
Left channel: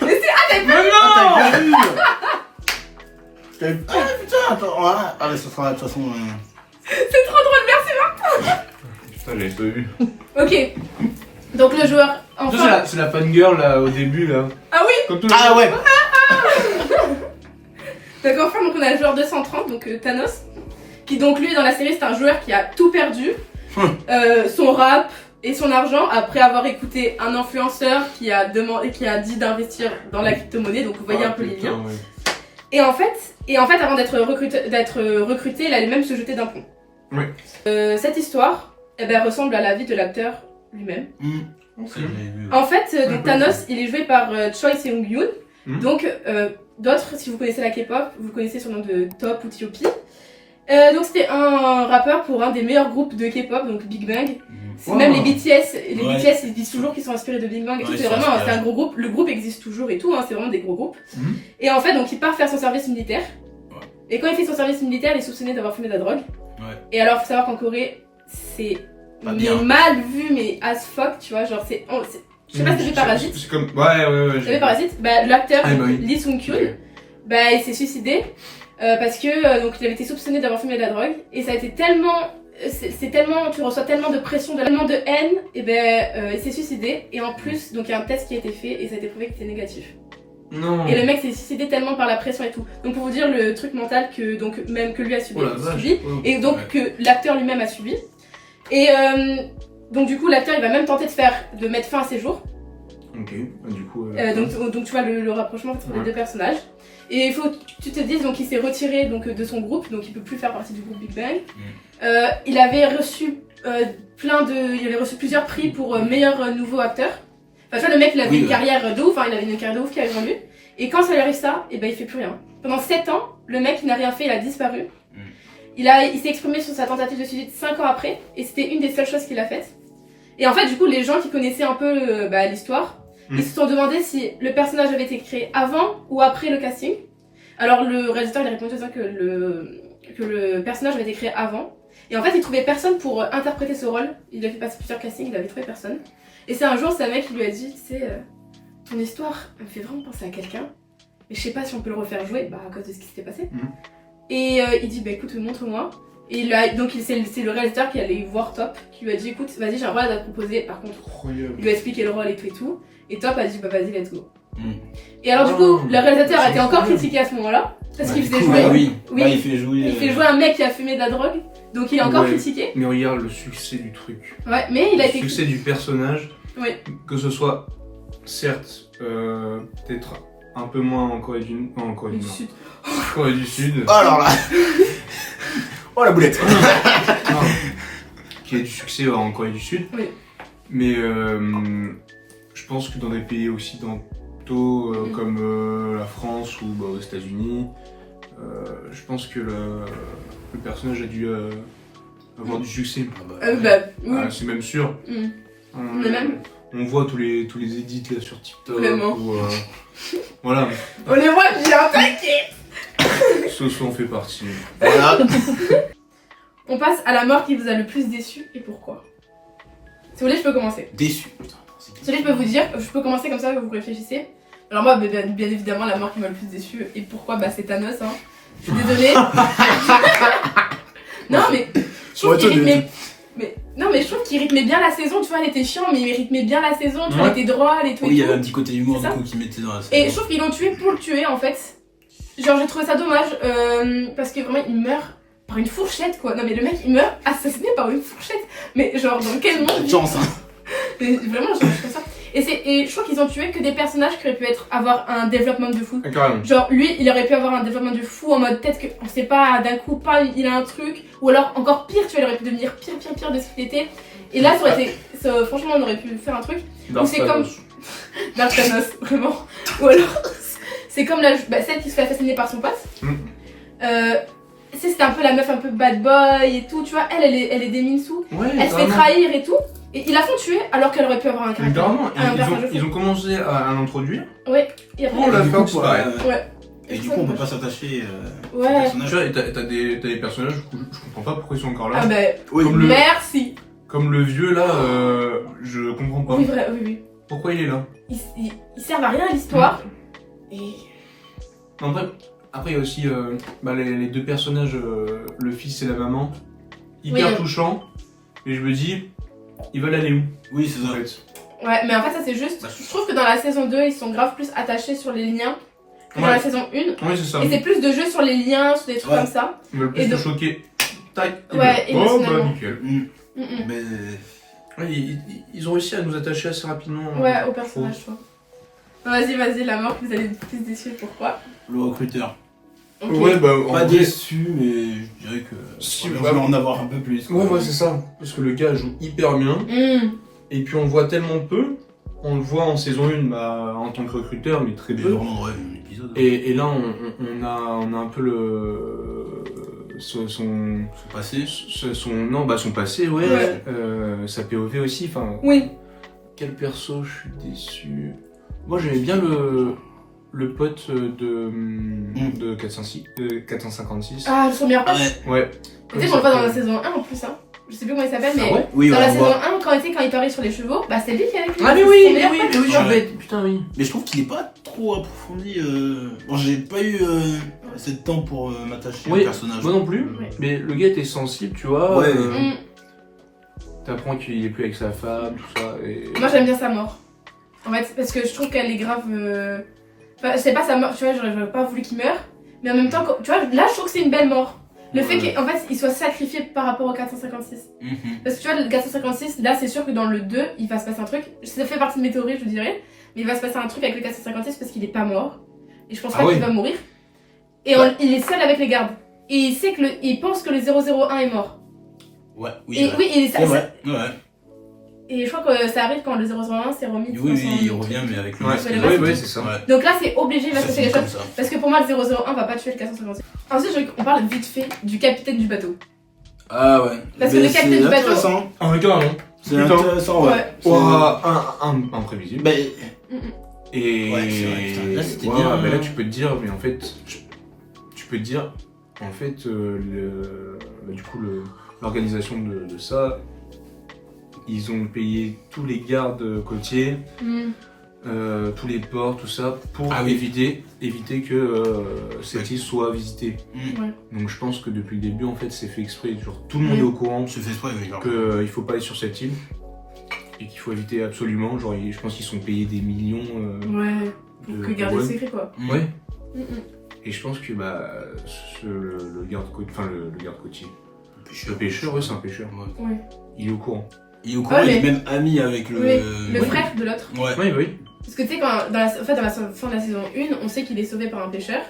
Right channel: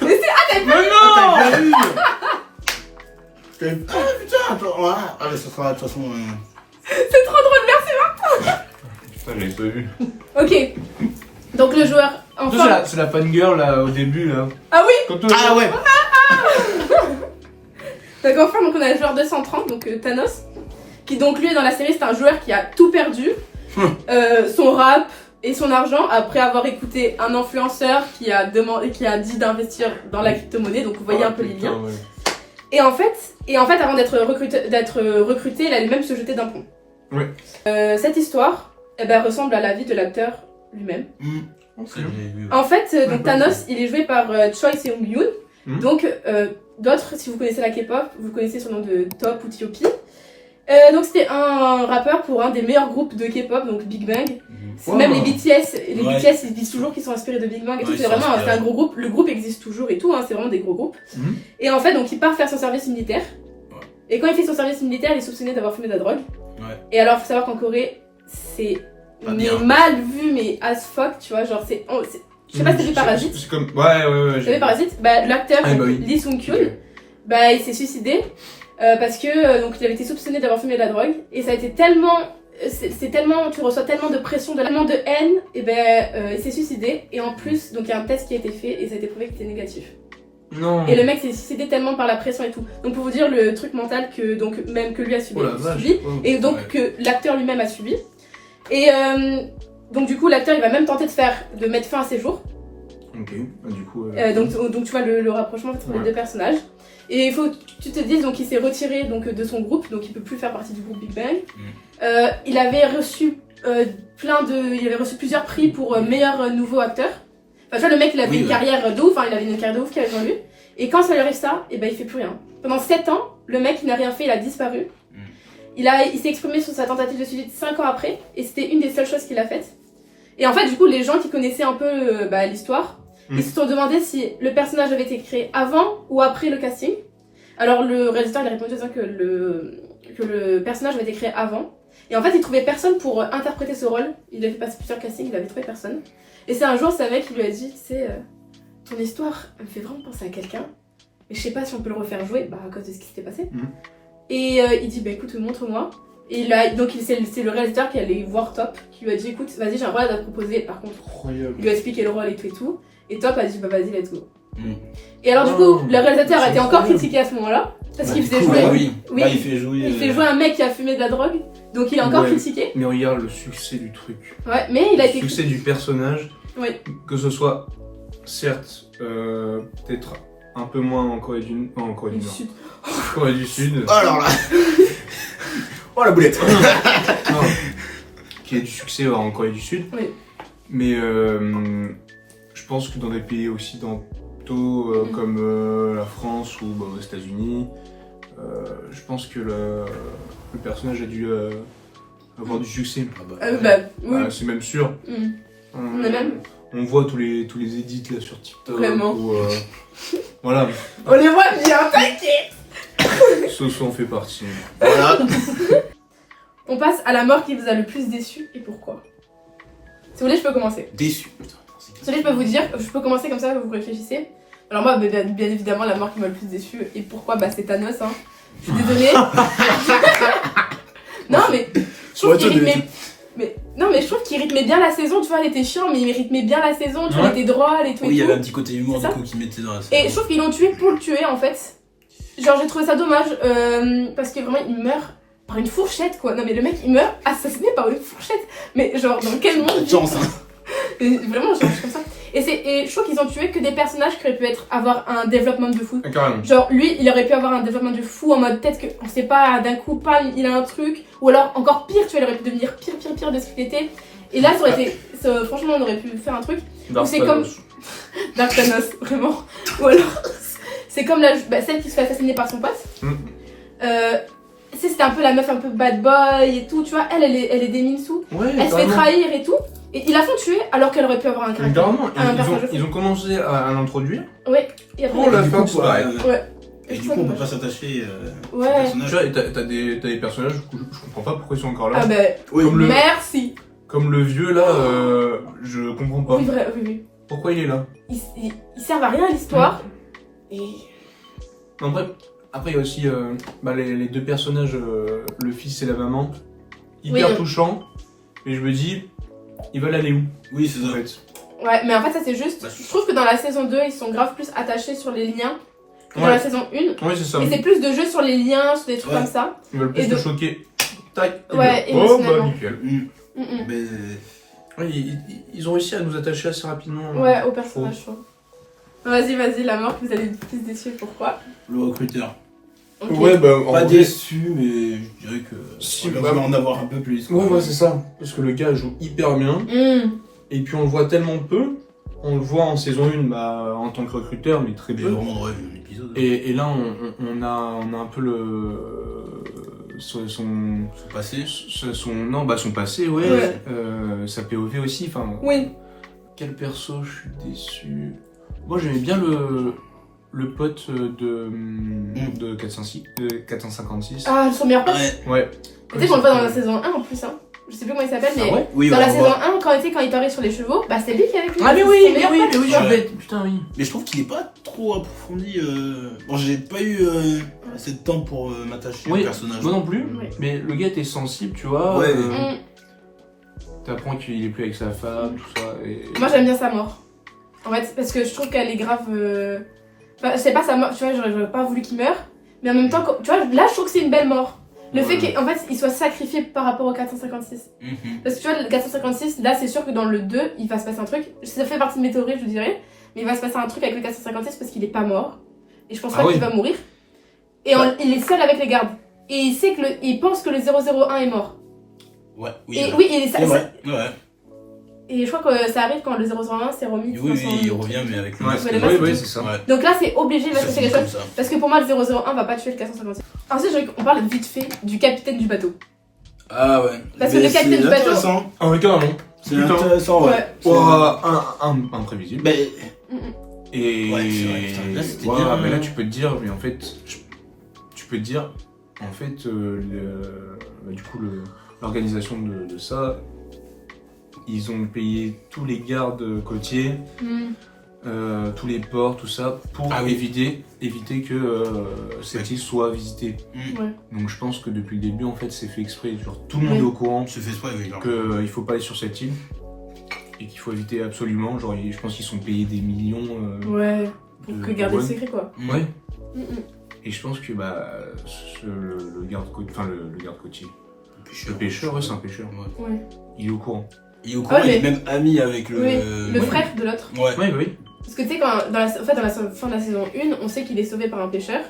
c'est Mais Ah, non! t'as vu? Ah putain, attends, ah mais ça sera de toute façon. C'est trop drôle, merci. Putain, j'avais pas vu. Ok. Donc le joueur, Ça, enfin. c'est la fangirl là au début là. Ah oui. Comme tout Ah ouais! Donc enfin, donc on a le joueur 230, donc Thanos, qui donc lui dans la série c'est un joueur qui a tout perdu, son rap et son argent après avoir écouté un influenceur qui a dit d'investir dans la crypto-monnaie, donc vous voyez un peu les liens. Ouais. Et en fait avant d'être recruté, il allait même se jeter d'un pont. Ouais. Cette histoire, eh ben, ressemble à la vie de l'acteur lui-même. Ok. En fait, donc Ouais, Thanos, il est joué par Choi Seung-yoon. Mhm. Donc, d'autres, si vous connaissez la K-pop, vous connaissez son nom de Top ou T.O.P. Donc, c'était un rappeur pour un des meilleurs groupes de K-pop, donc Big Bang. Wow. Même les BTS, Ouais. ils disent toujours qu'ils sont inspirés de Big Bang. Et tout. Ouais, C'est ils sont vraiment inspirés. c'est un gros groupe. Le groupe existe toujours et tout, hein, c'est vraiment des gros groupes. Mhm. Et en fait, donc, il part faire son service militaire. Ouais. Et quand il fait son service militaire, il est soupçonné d'avoir fumé de la drogue. Ouais. Et alors, faut savoir qu'en Corée, c'est Pas mais bien. mal vu, mais as fuck, tu vois. Genre, je sais pas si t'as vu Parasite. C'est comme. Ouais. Vous savez Parasite, l'acteur Ah, bah oui. Lee Sung-kyun, bah, il s'est suicidé parce que donc il avait été soupçonné d'avoir fumé de la drogue et ça a été tellement c'est tellement tu reçois tellement de pression, tellement de haine et il s'est suicidé et en plus donc il y a un test qui a été fait et ça a été prouvé qu'il était négatif. Non. Et le mec s'est suicidé tellement par la pression et tout. Donc pour vous dire le truc mental que donc même que lui a subi, Oh la vache. et donc Ouais. que l'acteur lui-même a subi. Et donc du coup l'acteur il va même tenter de mettre fin à ses jours. Ok. Ah, du coup. Donc tu vois le rapprochement entre les Ouais. deux personnages. Et il faut que tu te dises donc il s'est retiré donc de son groupe, donc il peut plus faire partie du groupe Big Bang. Il avait reçu il avait reçu plusieurs prix pour meilleur nouveau acteur. Enfin tu vois le mec il avait Oui, une ouais. carrière de ouf, hein, il avait une carrière de ouf qui avait devant lui. Et quand ça lui arrive ça, et ben il fait plus rien. Pendant 7 ans, le mec il n'a rien fait, il a disparu. Il s'est exprimé sur sa tentative de suicide 5 ans après, et c'était une des seules choses qu'il a faites. Et en fait, du coup, les gens qui connaissaient un peu l'histoire, ils se sont demandé si le personnage avait été créé avant ou après le casting. Alors, le réalisateur il a répondu en disant que le personnage avait été créé avant. Et en fait, il trouvait personne pour interpréter ce rôle. Il a fait passer plusieurs castings, il avait trouvé personne. Et c'est un jour, c'est un mec qui lui a dit, tu sais, ton histoire me fait vraiment penser à quelqu'un, mais je sais pas si on peut le refaire jouer, à cause de ce qui s'était passé. Et il dit, écoute, montre-moi. Et là, donc c'est le réalisateur qui allait voir Top, qui lui a dit, écoute, vas-y, j'ai un rôle à te proposer, par contre. Incroyable. Il lui a expliqué le rôle et tout et tout. Et Top a dit, vas-y, let's go. Mm. Et alors, du Oh, coup, le réalisateur a c'est été encore incroyable. critiqué à ce moment-là, parce Bah, qu'il du faisait coup, jouer. bah oui. Oui. Là, il fait jouer. Il fait jouer un mec qui a fumé de la drogue, donc il est encore Ouais. critiqué. Mais regarde le succès du truc. Ouais, mais il a Le été succès du personnage. Oui. Que ce soit, certes, peut-être un peu moins en Corée du Nord. En Corée du Nord. Sud. Corée du Sud. Oh alors là. Oh la boulette. Non, qui a du succès en Corée du Sud. Oui. Mais je pense que dans des pays occidentaux comme la France ou aux États-Unis, Je pense que le personnage a dû avoir du succès. Oui. C'est même sûr. Mais même. On voit tous les edits là sur TikTok. Vraiment. Voilà. On les voit bien, t'inquiète. Soso en fait partie. Voilà. On passe à la mort qui vous a le plus déçu et pourquoi. Si vous voulez, je peux commencer. Déçu. Putain, Si vous voulez, je peux vous dire, je peux commencer comme ça, vous réfléchissez. Alors moi, bien évidemment, la mort qui m'a le plus déçu et pourquoi, c'est Thanos. Hein. Je suis désolée. Non, mais je trouve qu'il rythmait... Non, mais je trouve qu'il rythmait bien la saison, tu vois, elle était chiant, mais il rythmait bien la saison, tu vois, il était drôle et tout. Oui, il y avait un petit côté humour C'est du ça. coup qui mettait dans la saison. Et je trouve qu'ils l'ont tué pour le tuer en fait. Genre j'ai trouvé ça dommage parce que vraiment il meurt par une fourchette quoi. Non mais le mec il meurt assassiné par une fourchette. Mais genre dans quel monde de chance, hein. Mais vraiment genre, je trouve ça. Et je trouve qu'ils ont tué que des personnages qui auraient pu avoir un développement de fou. Carrément. Genre lui il aurait pu avoir un développement de fou en mode peut-être qu'on sait pas d'un coup pas il a un truc. Ou alors encore pire tu vois il aurait pu devenir pire de ce qu'il était. Et là ça aurait été. Franchement on aurait pu faire un truc. Ou c'est comme. Dark Thanos, vraiment. Ou alors, c'est comme celle qui se fait assassiner par son pote. C'était un peu la meuf un peu bad boy et tout, tu vois. Elle est des Minsu. Ouais, elle se fait trahir et tout. Et ils la font tuer alors qu'elle aurait pu avoir un caractère. Carrément, ils ont commencé à l'introduire. Ouais. Et après, pour la faire coup, disparaître. ouais. Et du coup, on peut pas s'attacher au Ouais. Tu vois, et t'as des personnages, je comprends pas pourquoi ils sont encore là. Ah bah, Oui, merci. Comme le vieux là, je comprends pas. Oui, oui. Pourquoi il est là? Ils servent à rien à l'histoire. Et. Après, il y a aussi les deux personnages, le fils et la maman, hyper Oui. touchants. Et je me dis, ils veulent aller où? Oui, c'est En ça. fait. Ouais, mais en fait, ça c'est juste. Je trouve que dans la saison 2, ils sont grave plus attachés sur les liens que dans Ouais. la saison 1. Oui, c'est ça. Et c'est plus de jeux sur les liens, sur des trucs Ouais. comme ça. Ils veulent plus Et te donc- choquer. Tac, ils Ouais, veulent. Oh émotionnellement. bah nickel. Mais Ouais, ils ont réussi à nous attacher assez rapidement. Ouais, au personnage, je trouve. Vas-y, la mort, vous allez être plus déçu, pourquoi? le recruteur. Ok. Ouais, bah en Pas vrai- déçu, mais je dirais que. Si, on bah- va en avoir un peu plus. Ouais, c'est ça. Parce que le gars joue hyper bien. Et puis on le voit tellement peu. On le voit en saison 1 en tant que recruteur, mais très Mais peu. vraiment, ouais, un épisode. Et là, on a un peu son passé. son passé, ouais. Ouais. Sa POV aussi. Enfin, Oui. quel perso je suis déçu. Moi, j'aimais bien le pote de 456. Ah, son meilleur pote. Ouais. Ouais. Tu sais qu'on le voit dans la saison 1 en plus, hein. Je sais plus comment il s'appelle, mais. Ah ouais? Oui, Dans on la le saison voit. 1, quand il parlait sur les chevaux, c'est lui qui avait fait. Ah mais c'est oui, son mais meilleur oui, pote. mais oui, je suis Ouais. bête. Putain, oui. Mais je trouve qu'il est pas trop approfondi. Bon, j'ai pas eu assez de temps pour m'attacher Oui, au personnage. moi non plus. Ouais. Mais le gars était sensible, tu vois. Ouais. T'apprends qu'il est plus avec sa femme, tout ça. Et... Moi j'aime bien sa mort. En fait, parce que je trouve qu'elle est grave. Enfin, c'est pas sa mort, tu vois, j'aurais pas voulu qu'il meure. Mais en même temps, tu vois, là je trouve que c'est une belle mort. Le fait qu'en fait il soit sacrifié par rapport au 456. Parce que tu vois, le 456, là c'est sûr que dans le 2, il va se passer un truc. Ça fait partie de mes théories, je vous dirais. Mais il va se passer un truc avec le 456 parce qu'il est pas mort. Et je pense pas qu'il va mourir. Et il est seul avec les gardes. Et il sait il pense que le 001 est mort. Ouais, oui. Et ouais. oui, il est C'est vrai. Ouais. Et je crois que ça arrive quand le 001 s'est remis. Oui, il revient, mais avec le Ouais, masque. oui, c'est ça. Ouais. Donc là, c'est obligé, il va se Ça passer finit quelque comme chose. ça. Parce que pour moi, le 001 va pas tuer le 456. Ensuite, on parle vite fait du capitaine du bateau. Ah ouais. Parce que Mais le capitaine du c'est bateau- intéressant. Ah oui, carrément. C'est Putain. intéressant, ouais. Imprévisible. Mais Et Ouais, c'est vrai, putain, là, c'était ouais, bien. mais là tu peux te dire, mais en fait, du coup l'organisation de ça, ils ont payé tous les gardes côtiers, tous les ports, tout ça, pour Ah oui. éviter que cette île soit visitée. Ouais. Donc je pense que depuis le début, en fait, c'est fait exprès. Genre, tout le monde Oui. est au courant se fait exprès, oui. qu'il faut pas aller sur cette île et qu'il faut éviter absolument. Genre, je pense qu'ils sont payés des millions. Ouais. Pour que garder le ouais. secret, quoi. Ouais. Mm, mm. Et je pense que le garde côtier, le pêcheur, ouais, c'est un pêcheur. Ouais. Il est au courant. Il est au courant, Ouais, il est même ami avec le. Oui, le Ouais. frère de l'autre. Ouais. Ouais, bah oui. Parce que tu sais, dans la fin de la saison 1, on sait qu'il est sauvé par un pêcheur.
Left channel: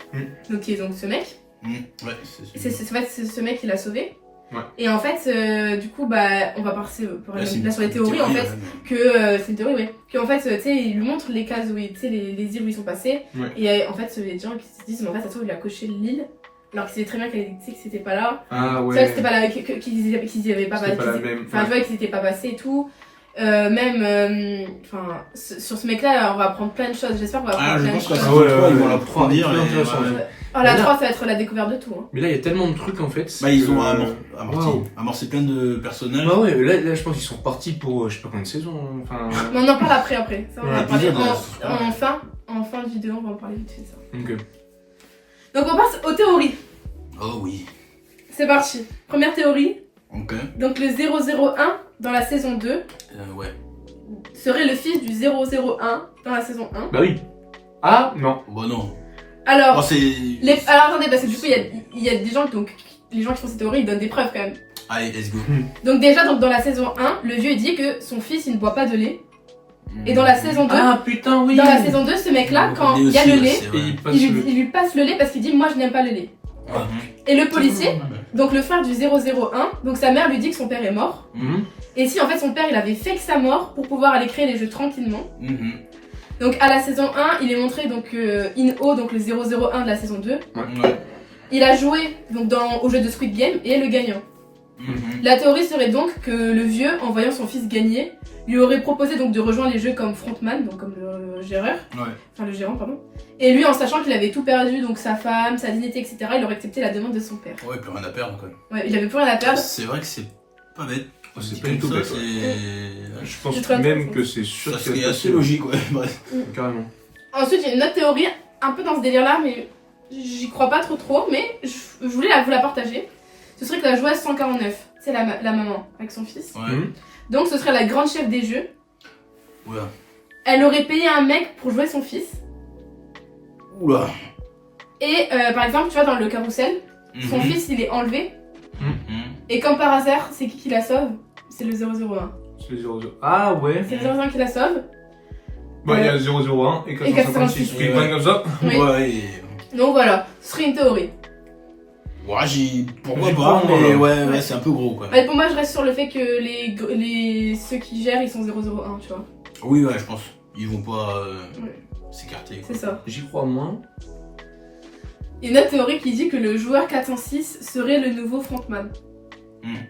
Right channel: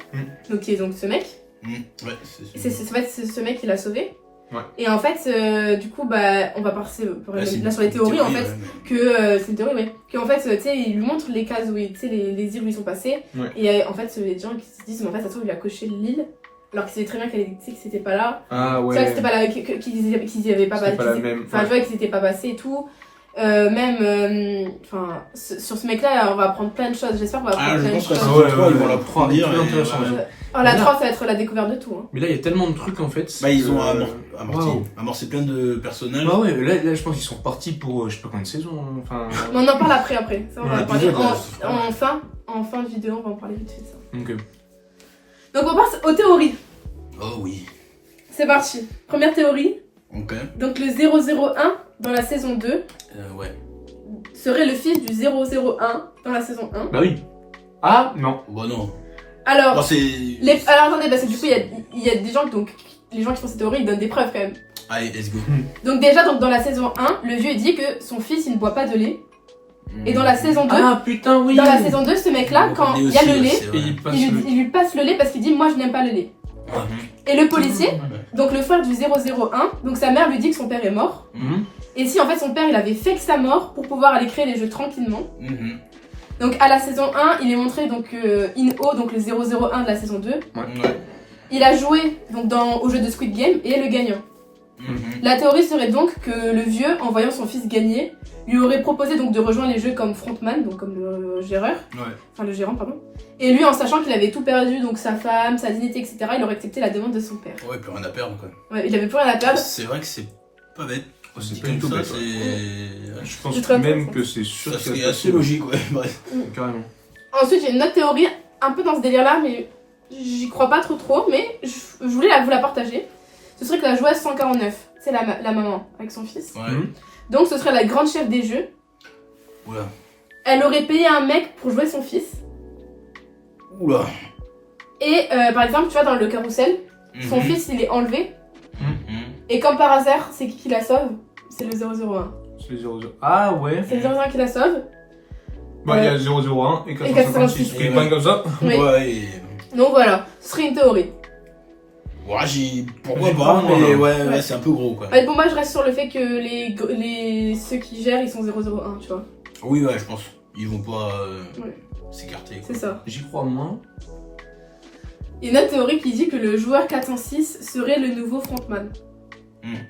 Donc, qui est donc ce mec. Ouais, C'est ce mec qui l'a sauvé. Ouais. Et en fait, du coup, on va passer Ouais, c'est là sur les une théories, en théorie, fait. ouais. Que c'est une théorie, ouais. Qu'en fait, tu sais, il lui montre les cases où, tu sais, les îles où ils sont passés. Ouais. Et en fait, les gens qui se disent, mais en fait, ça se trouve, il a coché l'île alors qu'il savait très bien que c'était pas là. Ah C'est vrai que ouais. c'était pas là, qu'ils y avaient pas C'était pas la même. Enfin, je vois qu'ils étaient pas passés et tout. Enfin, sur ce mec-là, on va apprendre plein de choses. J'espère qu'on va apprendre Ah, je plein de pense qu'à choses. ce Ouais, moment-là, ils vont ouais. l'approfondir. Très et intéressant, voilà. ouais. Alors, la Mais là- 3, ça va être la découverte de tout. Hein. Mais là, il y a tellement de trucs en fait. Bah, ils ont Waouh. amorcé plein de personnages. Bah ouais, là, je pense qu'ils sont partis pour je sais pas combien de saisons. Hein. Enfin. Mais on en parle après. Ça, on va Ouais, en parler épisode, en fin de vidéo, on va en parler vite fait de ça. Ok. Donc, on passe aux théories. Oh oui. C'est parti. Première théorie. Ok. Donc, le 001 dans la saison 2 Ouais. serait le fils du 001 dans la saison 1. Bah oui. Ah non. Bah non. Alors, Bon, c'est. alors attendez, parce que du coup, il y a des gens, donc les gens qui font ces théories, ils donnent des preuves quand même. Allez, let's go. Donc déjà, dans la saison 1, le vieux il dit que son fils, il ne boit pas de lait. Et dans la saison 2, Ah putain, oui. dans la saison 2, ce mec-là, quand il y a le lait, Et il passe il le. lui passe le lait parce qu'il dit moi je n'aime pas le lait. Ouais. Et le policier, donc le frère du 001, donc sa mère lui dit que son père est mort. Mhm. Et si en fait son père il avait fake sa mort pour pouvoir aller créer les jeux tranquillement. Mhm. Donc à la saison 1, il est montré donc In-Oh, donc le 001 de la saison 2. Ouais. Il a joué donc au jeu de Squid Game et est le gagnant. Mhm. La théorie serait donc que le vieux, en voyant son fils gagner, lui aurait proposé donc de rejoindre les jeux comme frontman, donc comme le gérant, pardon. Et lui, en sachant qu'il avait tout perdu, donc sa femme, sa dignité, etc., il aurait accepté la demande de son père. Ouais, plus rien à perdre quoi. Ouais, il avait plus rien à perdre. C'est vrai que c'est pas bête. Oh, c'est Dit pas du tout comme bête. ça, Ouais. c'est. Je pense C'est très même intéressant. que c'est sûr Ça qu'il serait va se assez passer. logique, ouais, bref. Carrément. Ensuite, il y a une autre théorie, un peu dans ce délire-là, mais j'y crois pas trop, mais je voulais vous la partager. Ce serait que la joueuse 149, c'est la maman avec son fils. Ouais. Mhm. Donc ce serait la grande chef des jeux. Oula. Elle aurait payé un mec pour jouer son fils. Oula. Et par exemple, tu vois, dans le carrousel, son Mhm. fils il est enlevé. Mhm. Et comme par hasard, c'est qui la sauve? C'est le 001. C'est le 00. Ah ouais. C'est le 001 qui la sauve. Bah il y a 001 et 456. 456. Pris pas comme ça. Oui. Ouais, et- Donc voilà, ce serait une théorie. Ouais, pourquoi J'y pas, crois, moi, mais là. ouais, c'est un peu gros quoi. Mais pour moi, je reste sur le fait que ceux qui gèrent, ils sont 001, tu vois. Oui, ouais, je pense. Ils vont pas Ouais. s'écarter. C'est ça. J'y crois moins. Il y a une autre théorie qui dit que le joueur 406 serait le nouveau frontman.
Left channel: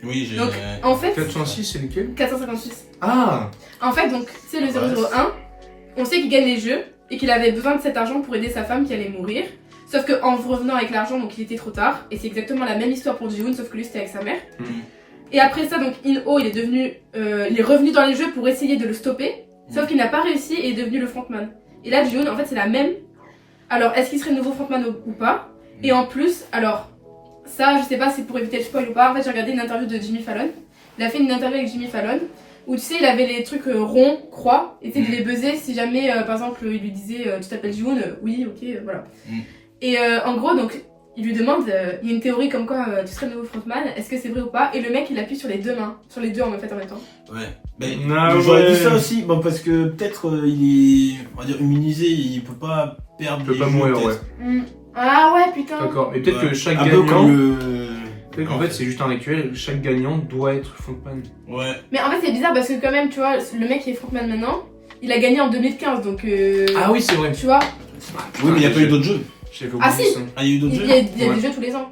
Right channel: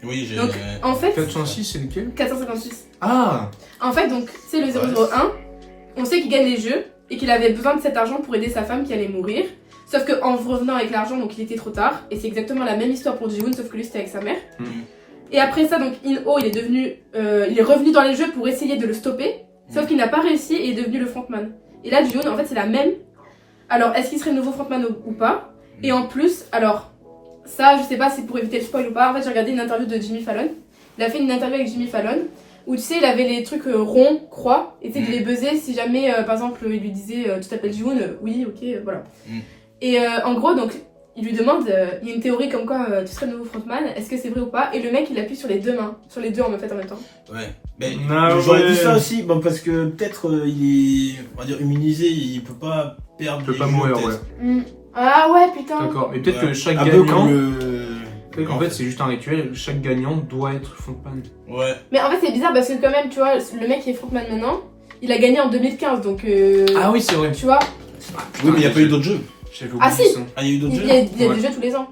Oui, j'ai. Donc, en fait, 406 c'est lequel? 456. Ah. En fait, donc, c'est le 001. On sait qu'il gagne les jeux et qu'il avait besoin de cet argent pour aider sa femme qui allait mourir. Sauf qu'en revenant avec l'argent, donc il était trop tard. Et c'est exactement la même histoire pour Ji-Hoon, sauf que lui c'était avec sa mère. Mhm. Et après ça, donc In-Oh, il est revenu dans les jeux pour essayer de le stopper. Sauf qu'il n'a pas réussi et est devenu le frontman. Et là, Ji-Hoon, en fait, c'est la même. Alors, est-ce qu'il serait le nouveau frontman ou pas? Et en plus, alors, ça, je sais pas si c'est pour éviter le spoil ou pas. En fait, j'ai regardé une interview de Jimmy Fallon. Il a fait une interview avec Jimmy Fallon où tu sais, il avait les trucs ronds, croix, et tu sais, il les buzzait si jamais, par exemple, il lui disait tu t'appelles Ji-Hoon, oui, ok, voilà. Mm. Et en gros, donc, il lui demande, il y a une théorie comme quoi tu serais le nouveau frontman, est-ce que c'est vrai ou pas? Et le mec, il appuie sur les deux mains, sur les deux en même temps. Ouais. Mais Ah j'aurais ouais. dit ça aussi, bon, parce que peut-être il est, on va dire, immunisé, il peut pas perdre. Il peut les pas jeux, mourir, peut-être. ouais. Ah ouais, putain. D'accord. Mais peut-être Ouais. que chaque Un peu gagnant. comme le. Peut-être qu'en fait c'est juste un rituel. Chaque gagnant doit être frontman. Ouais. Mais en fait, c'est bizarre parce que quand même, tu vois, le mec qui est frontman maintenant, il a gagné en 2015, donc Ah oui c'est vrai. tu vois, Oui, mais il n'y a pas eu d'autres jeux. J'avais Ah, oublié si. ça. Ah, il y a eu d'autres il jeux y a, il y a Ouais. des jeux tous les ans.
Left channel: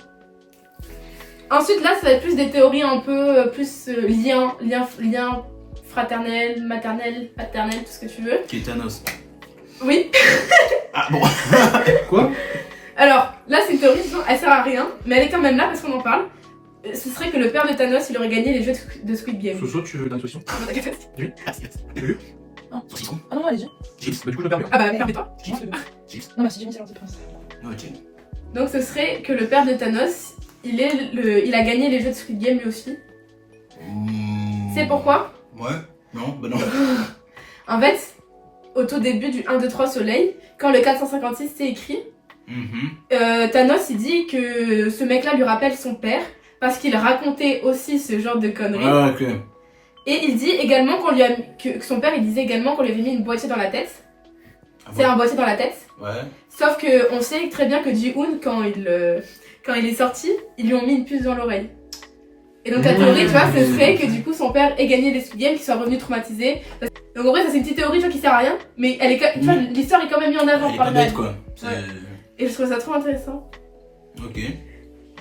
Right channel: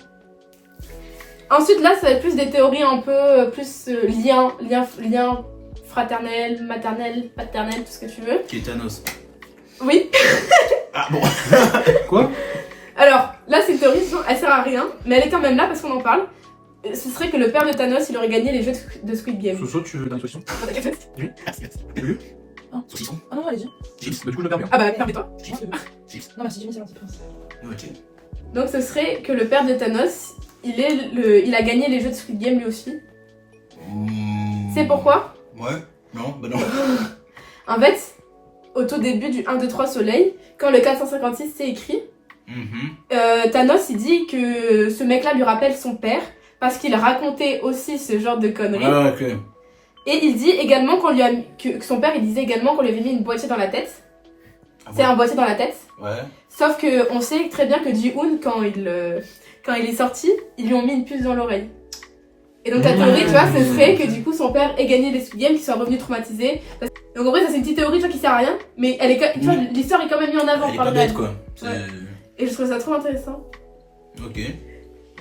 Ensuite, là, ça va être plus des théories un peu plus lien fraternel, maternel, paternel, tout ce que tu veux. Qui est Thanos. Oui. Ah bon. Quoi? Alors, là, c'est une théorie, elle sert à rien, mais elle est quand même là parce qu'on en parle. Ce serait que le père de Thanos, il aurait gagné les jeux de Squid Game. Soso, tu veux l'intuition? Ah Ah non, allez-y. Bah du coup je le permets. bah, permets-toi. Non, merci, Jimmy, c'est gentil. Ok. Donc, ce serait que le père de Thanos, il a gagné les jeux de Squid Game lui aussi. C'est pourquoi? Ouais. Non, bah non. En fait, au tout début du 1, 2, 3 Soleil, quand le 456 c'est écrit, Thanos il dit que ce mec-là lui rappelle son père parce qu'il racontait aussi ce genre de conneries. Ouais, ok. Et il dit également que son père il disait également qu'on lui avait mis une boîtier dans la tête. Ah C'est un boîtier dans la tête. Ouais. Sauf que on sait très bien que Ji-Hoon quand il est sorti, ils lui ont mis une puce dans l'oreille. Et donc la théorie, tu vois, ce serait que du coup son père ait gagné les Squid Games, qu'il soit revenu traumatisé. Donc en vrai, ça c'est une petite théorie tu vois, qui sert à rien, mais elle est, tu vois, l'histoire est quand même mise en avant Elle est par pas le bête mec. quoi. C'est- Et je trouve ça trop intéressant. Ok.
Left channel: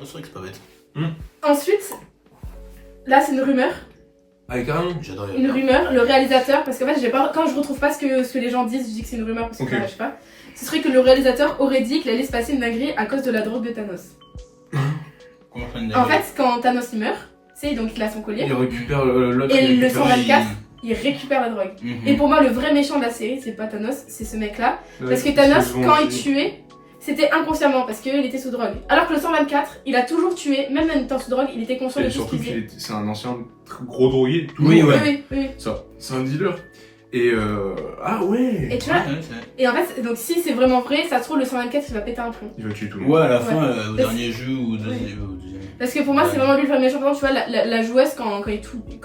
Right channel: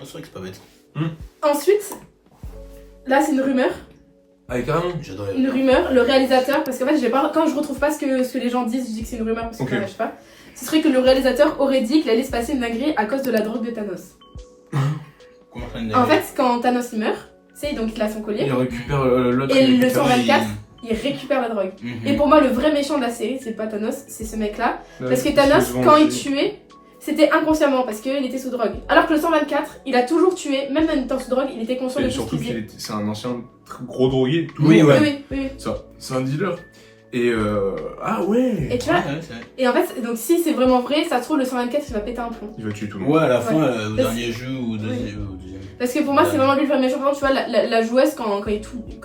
c'est vrai que c'est pas bête. Ensuite, là c'est une rumeur. Ah, carrément. J'adorais. Une rumeur, le réalisateur, parce qu'en fait, quand je retrouve pas ce que les gens disent, je dis que c'est une rumeur parce que Ok. je sais pas. Ce serait que le réalisateur aurait dit qu'il allait se passer une dinguerie à cause de la drogue de Thanos. Comment faire une En fait, quand Thanos il meurt, tu sais, donc il a son collier, Il récupère l'autre. Et il le récupère- 124, il récupère la drogue. Mhm. Et pour moi, le vrai méchant de la série, c'est pas Thanos, c'est ce mec-là. Ouais, Parce que il Thanos, se venge quand il aussi. tuait, c'était inconsciemment parce qu'il était sous drogue. Alors que le 124, il a toujours tué, même en étant sous drogue, il était conscient de Et tout ce surtout qu'il faisait. c'est un ancien gros drogué. Tout Oui, le monde. ouais. Oui. Ça, c'est un dealer. Et ah ouais. Et tu vois, Ouais, c'est vrai. et en fait, donc si c'est vraiment vrai, ça se trouve, le 124, il va péter un plomb. Il va tuer tout le monde. Ouais, à la fin, Ouais. au Parce- dernier jeu ou au deuxième. Parce que pour moi, Ouais. c'est vraiment lui le vrai méchant. Par exemple, tu vois, la joueuse, quand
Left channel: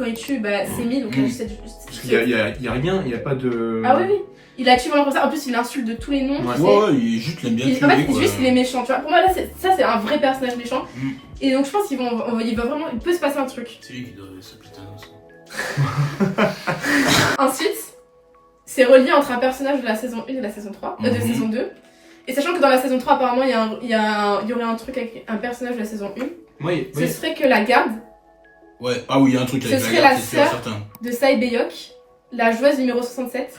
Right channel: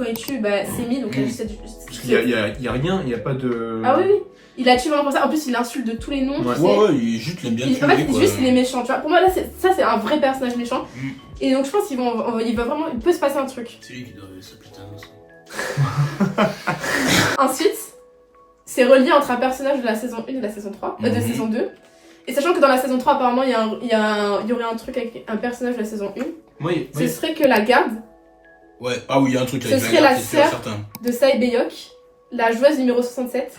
il tue, bah, c'est mis, donc Mm. Parce qu'il y a rien, il y a pas de. Ah oui. Il la tue vraiment comme ça. En plus, il l'insulte de tous les noms. Ouais. tu sais. Ouais, il juste l'aime bien En fait, tuer, quoi. juste il est méchant, tu vois. Pour moi, là, ça c'est un vrai personnage méchant. Mm. Et donc, je pense il peut se passer un truc. C'est lui qui doit s'appeler Thanos. Ensuite, c'est relié entre un personnage de la saison 1 et de la saison 3, de Mhm. saison 2. Et sachant que dans la saison 3, apparemment, il y aurait un truc avec un personnage de la saison 1. Oui, Ce serait que la garde Ouais, ah oui, il y a un truc Ce avec serait la la garde, c'est sûr, sœur. certain. de Sae Beyok, la joueuse numéro 67.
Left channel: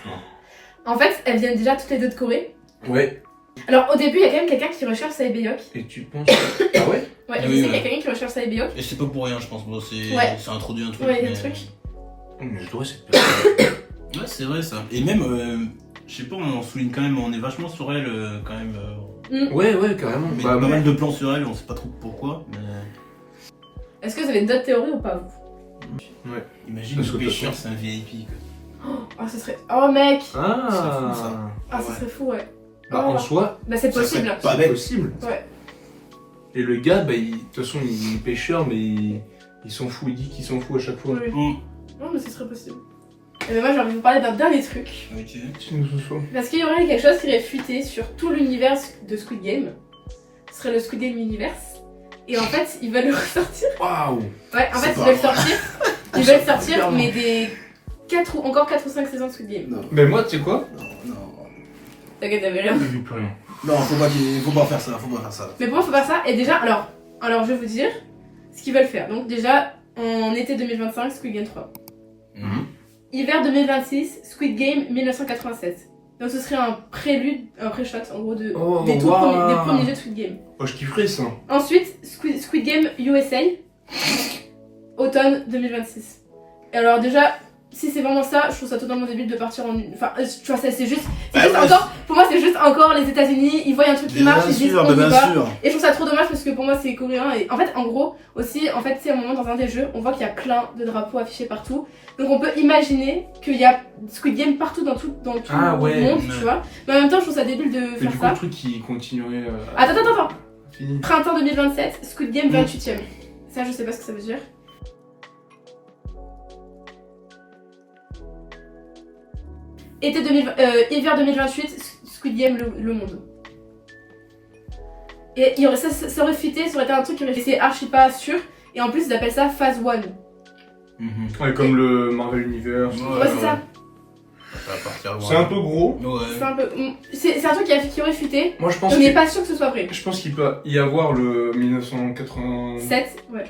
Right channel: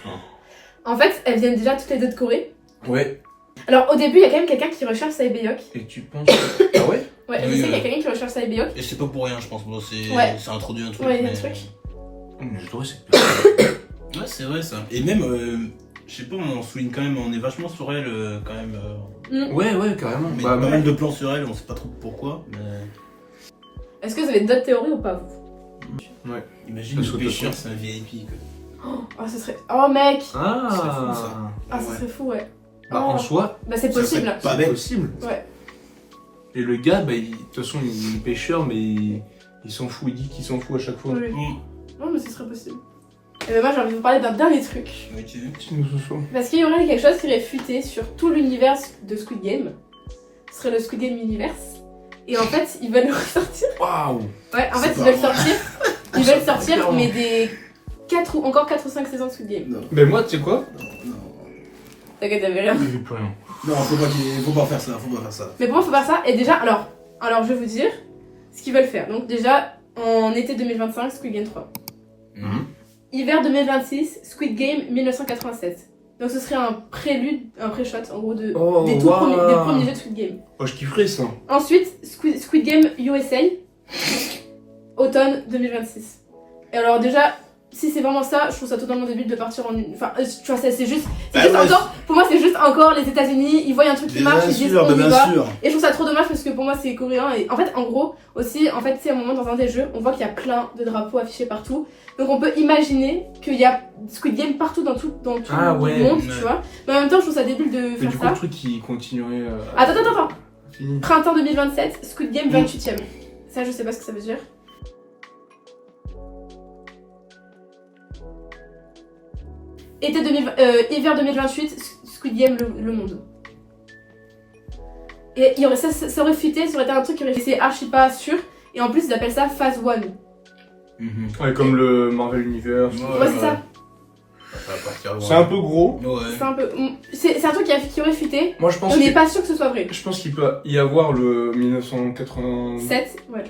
En fait, elles viennent déjà toutes les deux de Corée. Ouais. Alors, au début, il y a quand même quelqu'un qui recherche Sae Beyok. Et tu penses. Ah ouais. Ouais, Oui, je sais qu'il y a ouais. quelqu'un qui recherche Sae Beyok. Et c'est pas pour rien, je pense. Bon, c'est Ouais. ça introduit un truc. Ouais, il y a un mais- truc. Mais j'adorais cette personne. Ouais, c'est vrai ça. Et même, je sais pas, on souligne quand même, on est vachement sur elle quand même. Ouais, carrément. On met Bah, pas moi, mal de plans sur elle, on sait pas trop pourquoi. Mais... Est-ce que vous avez d'autres théories ou pas, vous? Imagine Ça le saute pêcheur, pas. c'est un VIP. Quoi. Oh, ce serait. Oh, mec! Ah. C'est fou, ça. Ah, ce serait fou, ouais. Bah, Oh. en soi, Bah, c'est Ça possible. serait pas c'est bête. possible. Ouais. Et le gars, bah, de toute façon, il est pêcheur, mais il s'en fout. Il dit qu'il s'en fout à chaque fois. Oui. Non, mais ce serait possible. Moi, j'ai envie de vous parler d'un dernier truc. Ok. Tu nous souffles. Parce qu'il y aurait quelque chose qui aurait fuité sur tout l'univers de Squid Game. Ce serait le Squid Game Universe. Et en fait, ils veulent le ressortir. Waouh. Ouais, en fait, C'est ils pas veulent vrai. sortir. Ils Ça veulent part sortir, clairement. mais des 4 ou 5 saisons de Squid Game. Non, Mais moi, tu sais quoi? non. T'inquiète, t'avais rien. Je dis plus rien. Non, faut pas faire ça, faut pas faire ça. Mais pour moi, faut faire ça. Et déjà, alors je vais vous dire ce qu'ils veulent faire. Donc, déjà, en été 2025, Squid Game 3. Mhm. Hiver 2026, Squid Game 1987. Donc, ce serait un prélude, un pré-shot, en gros, des premiers jeux de Squid Game. Oh, je kifferais ça. Ensuite, Squid Game USA, automne 2026. Et alors déjà, si c'est vraiment ça, je trouve ça totalement débile de partir en... Enfin, tu vois, c'est juste Bah ouais, encore... Pour moi, c'est juste encore les États-Unis, ils voient un truc qui marche, ils disent on y bien va. sûr. Et je trouve ça trop dommage parce que pour moi, c'est coréen. Et en fait, en gros, aussi, en fait, c'est un moment dans un des jeux, on voit qu'il y a plein de drapeaux affichés partout. Donc on peut imaginer qu'il y a Squid Game partout dans tout Ah le ouais, monde, ouais. tu vois. Mais en même temps, je trouve ça débile de Mais faire du coup, ça. le truc qui continuerait. Attends. Fini. Printemps 2027, Squid Game 28ème. Ça, je sais pas ce que ça veut dire. Hiver 2028, Squid Game le monde. Et ça aurait fuité, ça aurait été un truc qui aurait été archi pas sûr. Et en plus, ils appellent ça Phase 1. Mhm. Ouais, comme le Marvel Universe. Ouais, c'est ça. Ça va partir loin. C'est un peu gros. Ouais. C'est un peu. C'est un truc qui aurait fuité. Moi, je pense On n'est que- pas sûr que ce soit vrai. je pense qu'il peut y avoir le 1987. 7, ouais.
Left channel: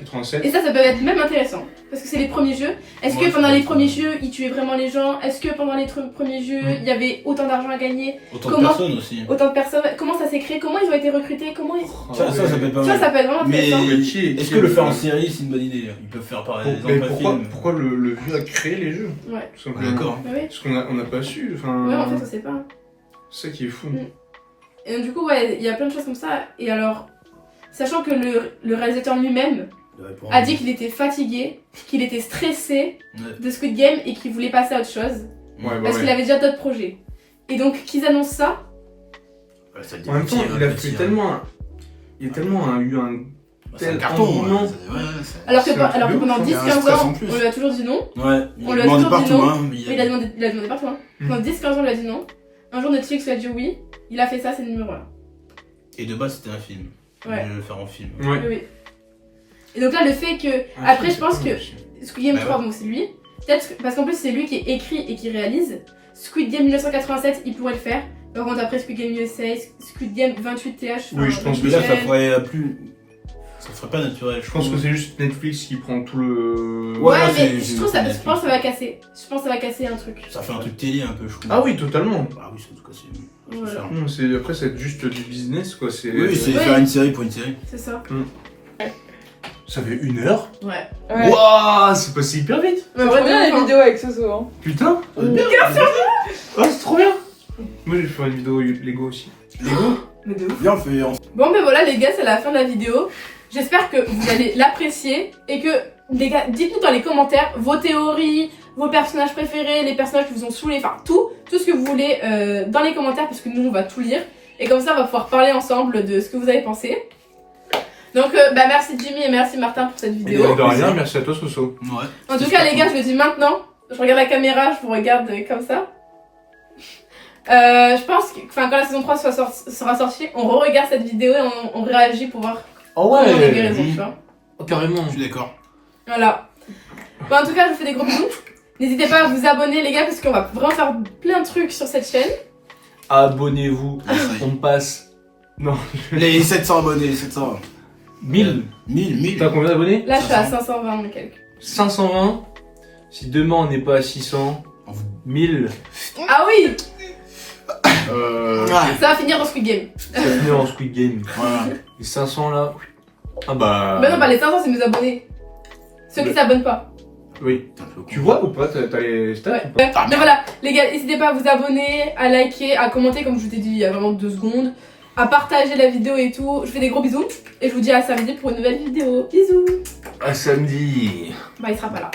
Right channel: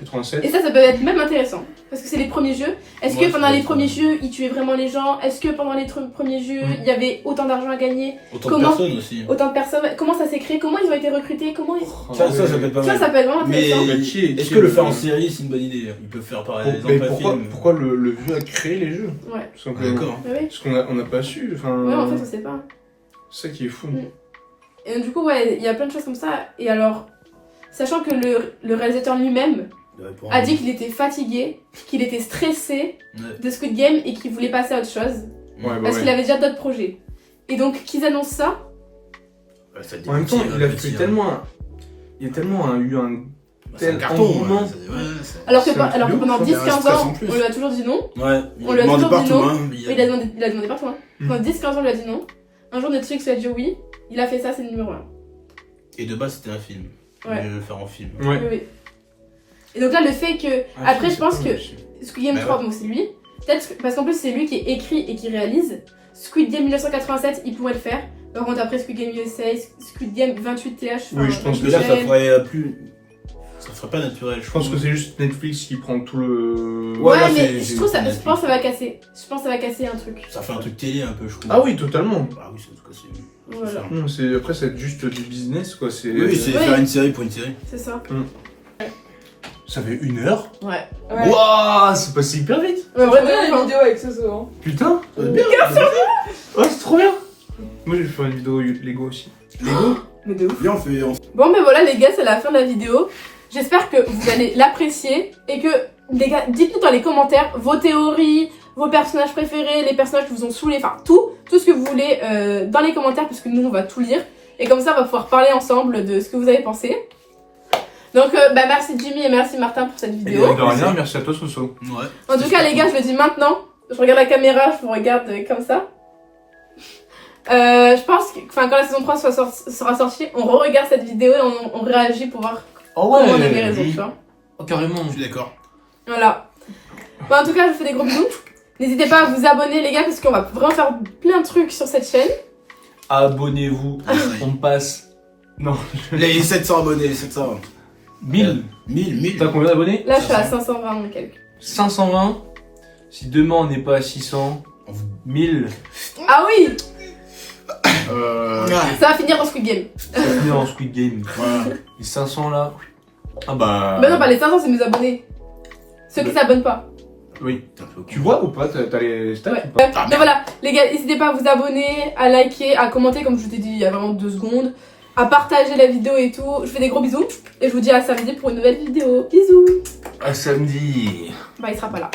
Et ça peut être même intéressant. Parce que c'est les premiers jeux. Est-ce Ouais, que pendant c'est les vrai. premiers jeux, ils tuaient vraiment les gens? Est-ce que pendant les premiers jeux, il y avait autant d'argent à gagner? Autant Comment- de personnes aussi. Autant de personnes? Comment ça s'est créé? Comment ils ont été recrutés? Comment ils... Ça peut être Tu pas vois, mal. ça peut être vraiment Mais intéressant. est-ce que le faire en série, c'est une bonne idée? Ils peuvent faire pareil. Mais des pourquoi le vieux a créé les jeux? Ouais. Tout simplement. D'accord. Oui. Parce qu'on n'a pas su. Enfin, Ouais, en fait, on sait pas. c'est ça qui est fou. Et du coup, ouais, il y a plein de choses comme ça. Et alors, sachant que le réalisateur lui-même a dit qu'il était fatigué, qu'il était stressé de Squid Game et qu'il voulait passer à autre chose. Ouais, bah Parce ouais. qu'il avait déjà d'autres projets. Et donc, qu'ils annoncent ça, En même temps, il a fait tellement. Il y a tellement eu un. C'est un tel carton. engouement. alors que, C'est un alors que truc de pendant ouf, 10-15 hein. Il y a un stress en ans, plus. on lui a toujours dit non. Ouais, il On lui a demandait toujours dit partout, non. hein. Il a demandé partout. Hein. Pendant 10-15 ans, on lui a dit non. Un jour, Netflix lui a dit oui. Il a fait ça, c'est le numéro 1. Et de base, c'était un film. Ouais. Il voulait le faire en film. Ouais. Oui. Et donc là, le fait que. Après, je pense que Squid Game Bah 3, donc c'est lui. Peut-être parce qu'en plus, c'est lui qui est écrit et qui réalise. Squid Game 1987, il pourrait le faire. Par contre, après Squid Game USA, Squid Game 28 TH. Oui, je pense Mais là, ça pourrait plus. Ça serait pas naturel, Je pense que c'est juste Netflix qui prend tout le. Ouais, là, mais c'est- je pense c'est- que ça va casser. Je pense que ça va casser un truc. Ça fait un truc télé un peu, je trouve. Ah oui, totalement. Ah oui, c'est en tout cas, c'est. Voilà. ça. Non, après, c'est juste du business, quoi. C'est... Oui, c'est Oui. faire une série pour une série. C'est ça. Ça fait 1 heure. Ouais. Ouais. Waouh, c'est passé hyper vite. Ouais, Trop vraiment, bien la vidéo avec Soso. Hein. Putain. Bien Ouais, c'est trop bien. Moi, je vais faire une vidéo Lego aussi. Lego Mais de ouf. Viens, on fait. Bon, ben voilà, les gars, c'est la fin de la vidéo. J'espère que vous allez l'apprécier et que, les gars, dites-nous dans les commentaires vos théories, vos personnages préférés, les personnages qui vous ont saoulés, enfin tout ce que vous voulez dans les commentaires parce que nous, on va tout lire. Et comme ça, on va pouvoir parler ensemble de ce que vous avez pensé. Donc, bah, merci Jimmy et merci Martin pour cette vidéo. De rien, merci à toi, Soso. Ouais. En tout cas, les gars, je le dis maintenant. Je regarde la caméra, je vous regarde comme ça. Je pense que quand la saison 3 sera sortie, on re-regarde cette vidéo et on réagit pour voir Oh comment on a raison, tu vois. Carrément. Je suis d'accord. Voilà. Bon, en tout cas, je vous fais des gros bisous. N'hésitez pas à vous abonner, les gars, parce qu'on va vraiment faire plein de trucs sur cette chaîne. Abonnez-vous. On passe. Non. Les 700 abonnés, 700. 1000. 1000. T'as combien d'abonnés? Là, je suis à 520 et quelques. 520. Si demain on n'est pas à 600, 1000. Ah oui, Ouais. ça va finir dans Squid Game. Ça finit en Squid Game. Voilà. Les 500 là. Ah bah. Mais non, pas les 500, c'est mes abonnés. Ceux qui Mais- s'abonnent pas. Oui. T'es un peu con. Tu vois ou pas? T'as les stats Ouais. ou pas? Ah, Mais voilà, les gars, n'hésitez pas à vous abonner, à liker, à commenter, comme je vous ai dit il y a vraiment 2 secondes, à partager la vidéo et tout. Je fais des gros bisous et je vous dis à samedi pour une nouvelle vidéo. Bisous. À samedi. Bah, il sera pas là.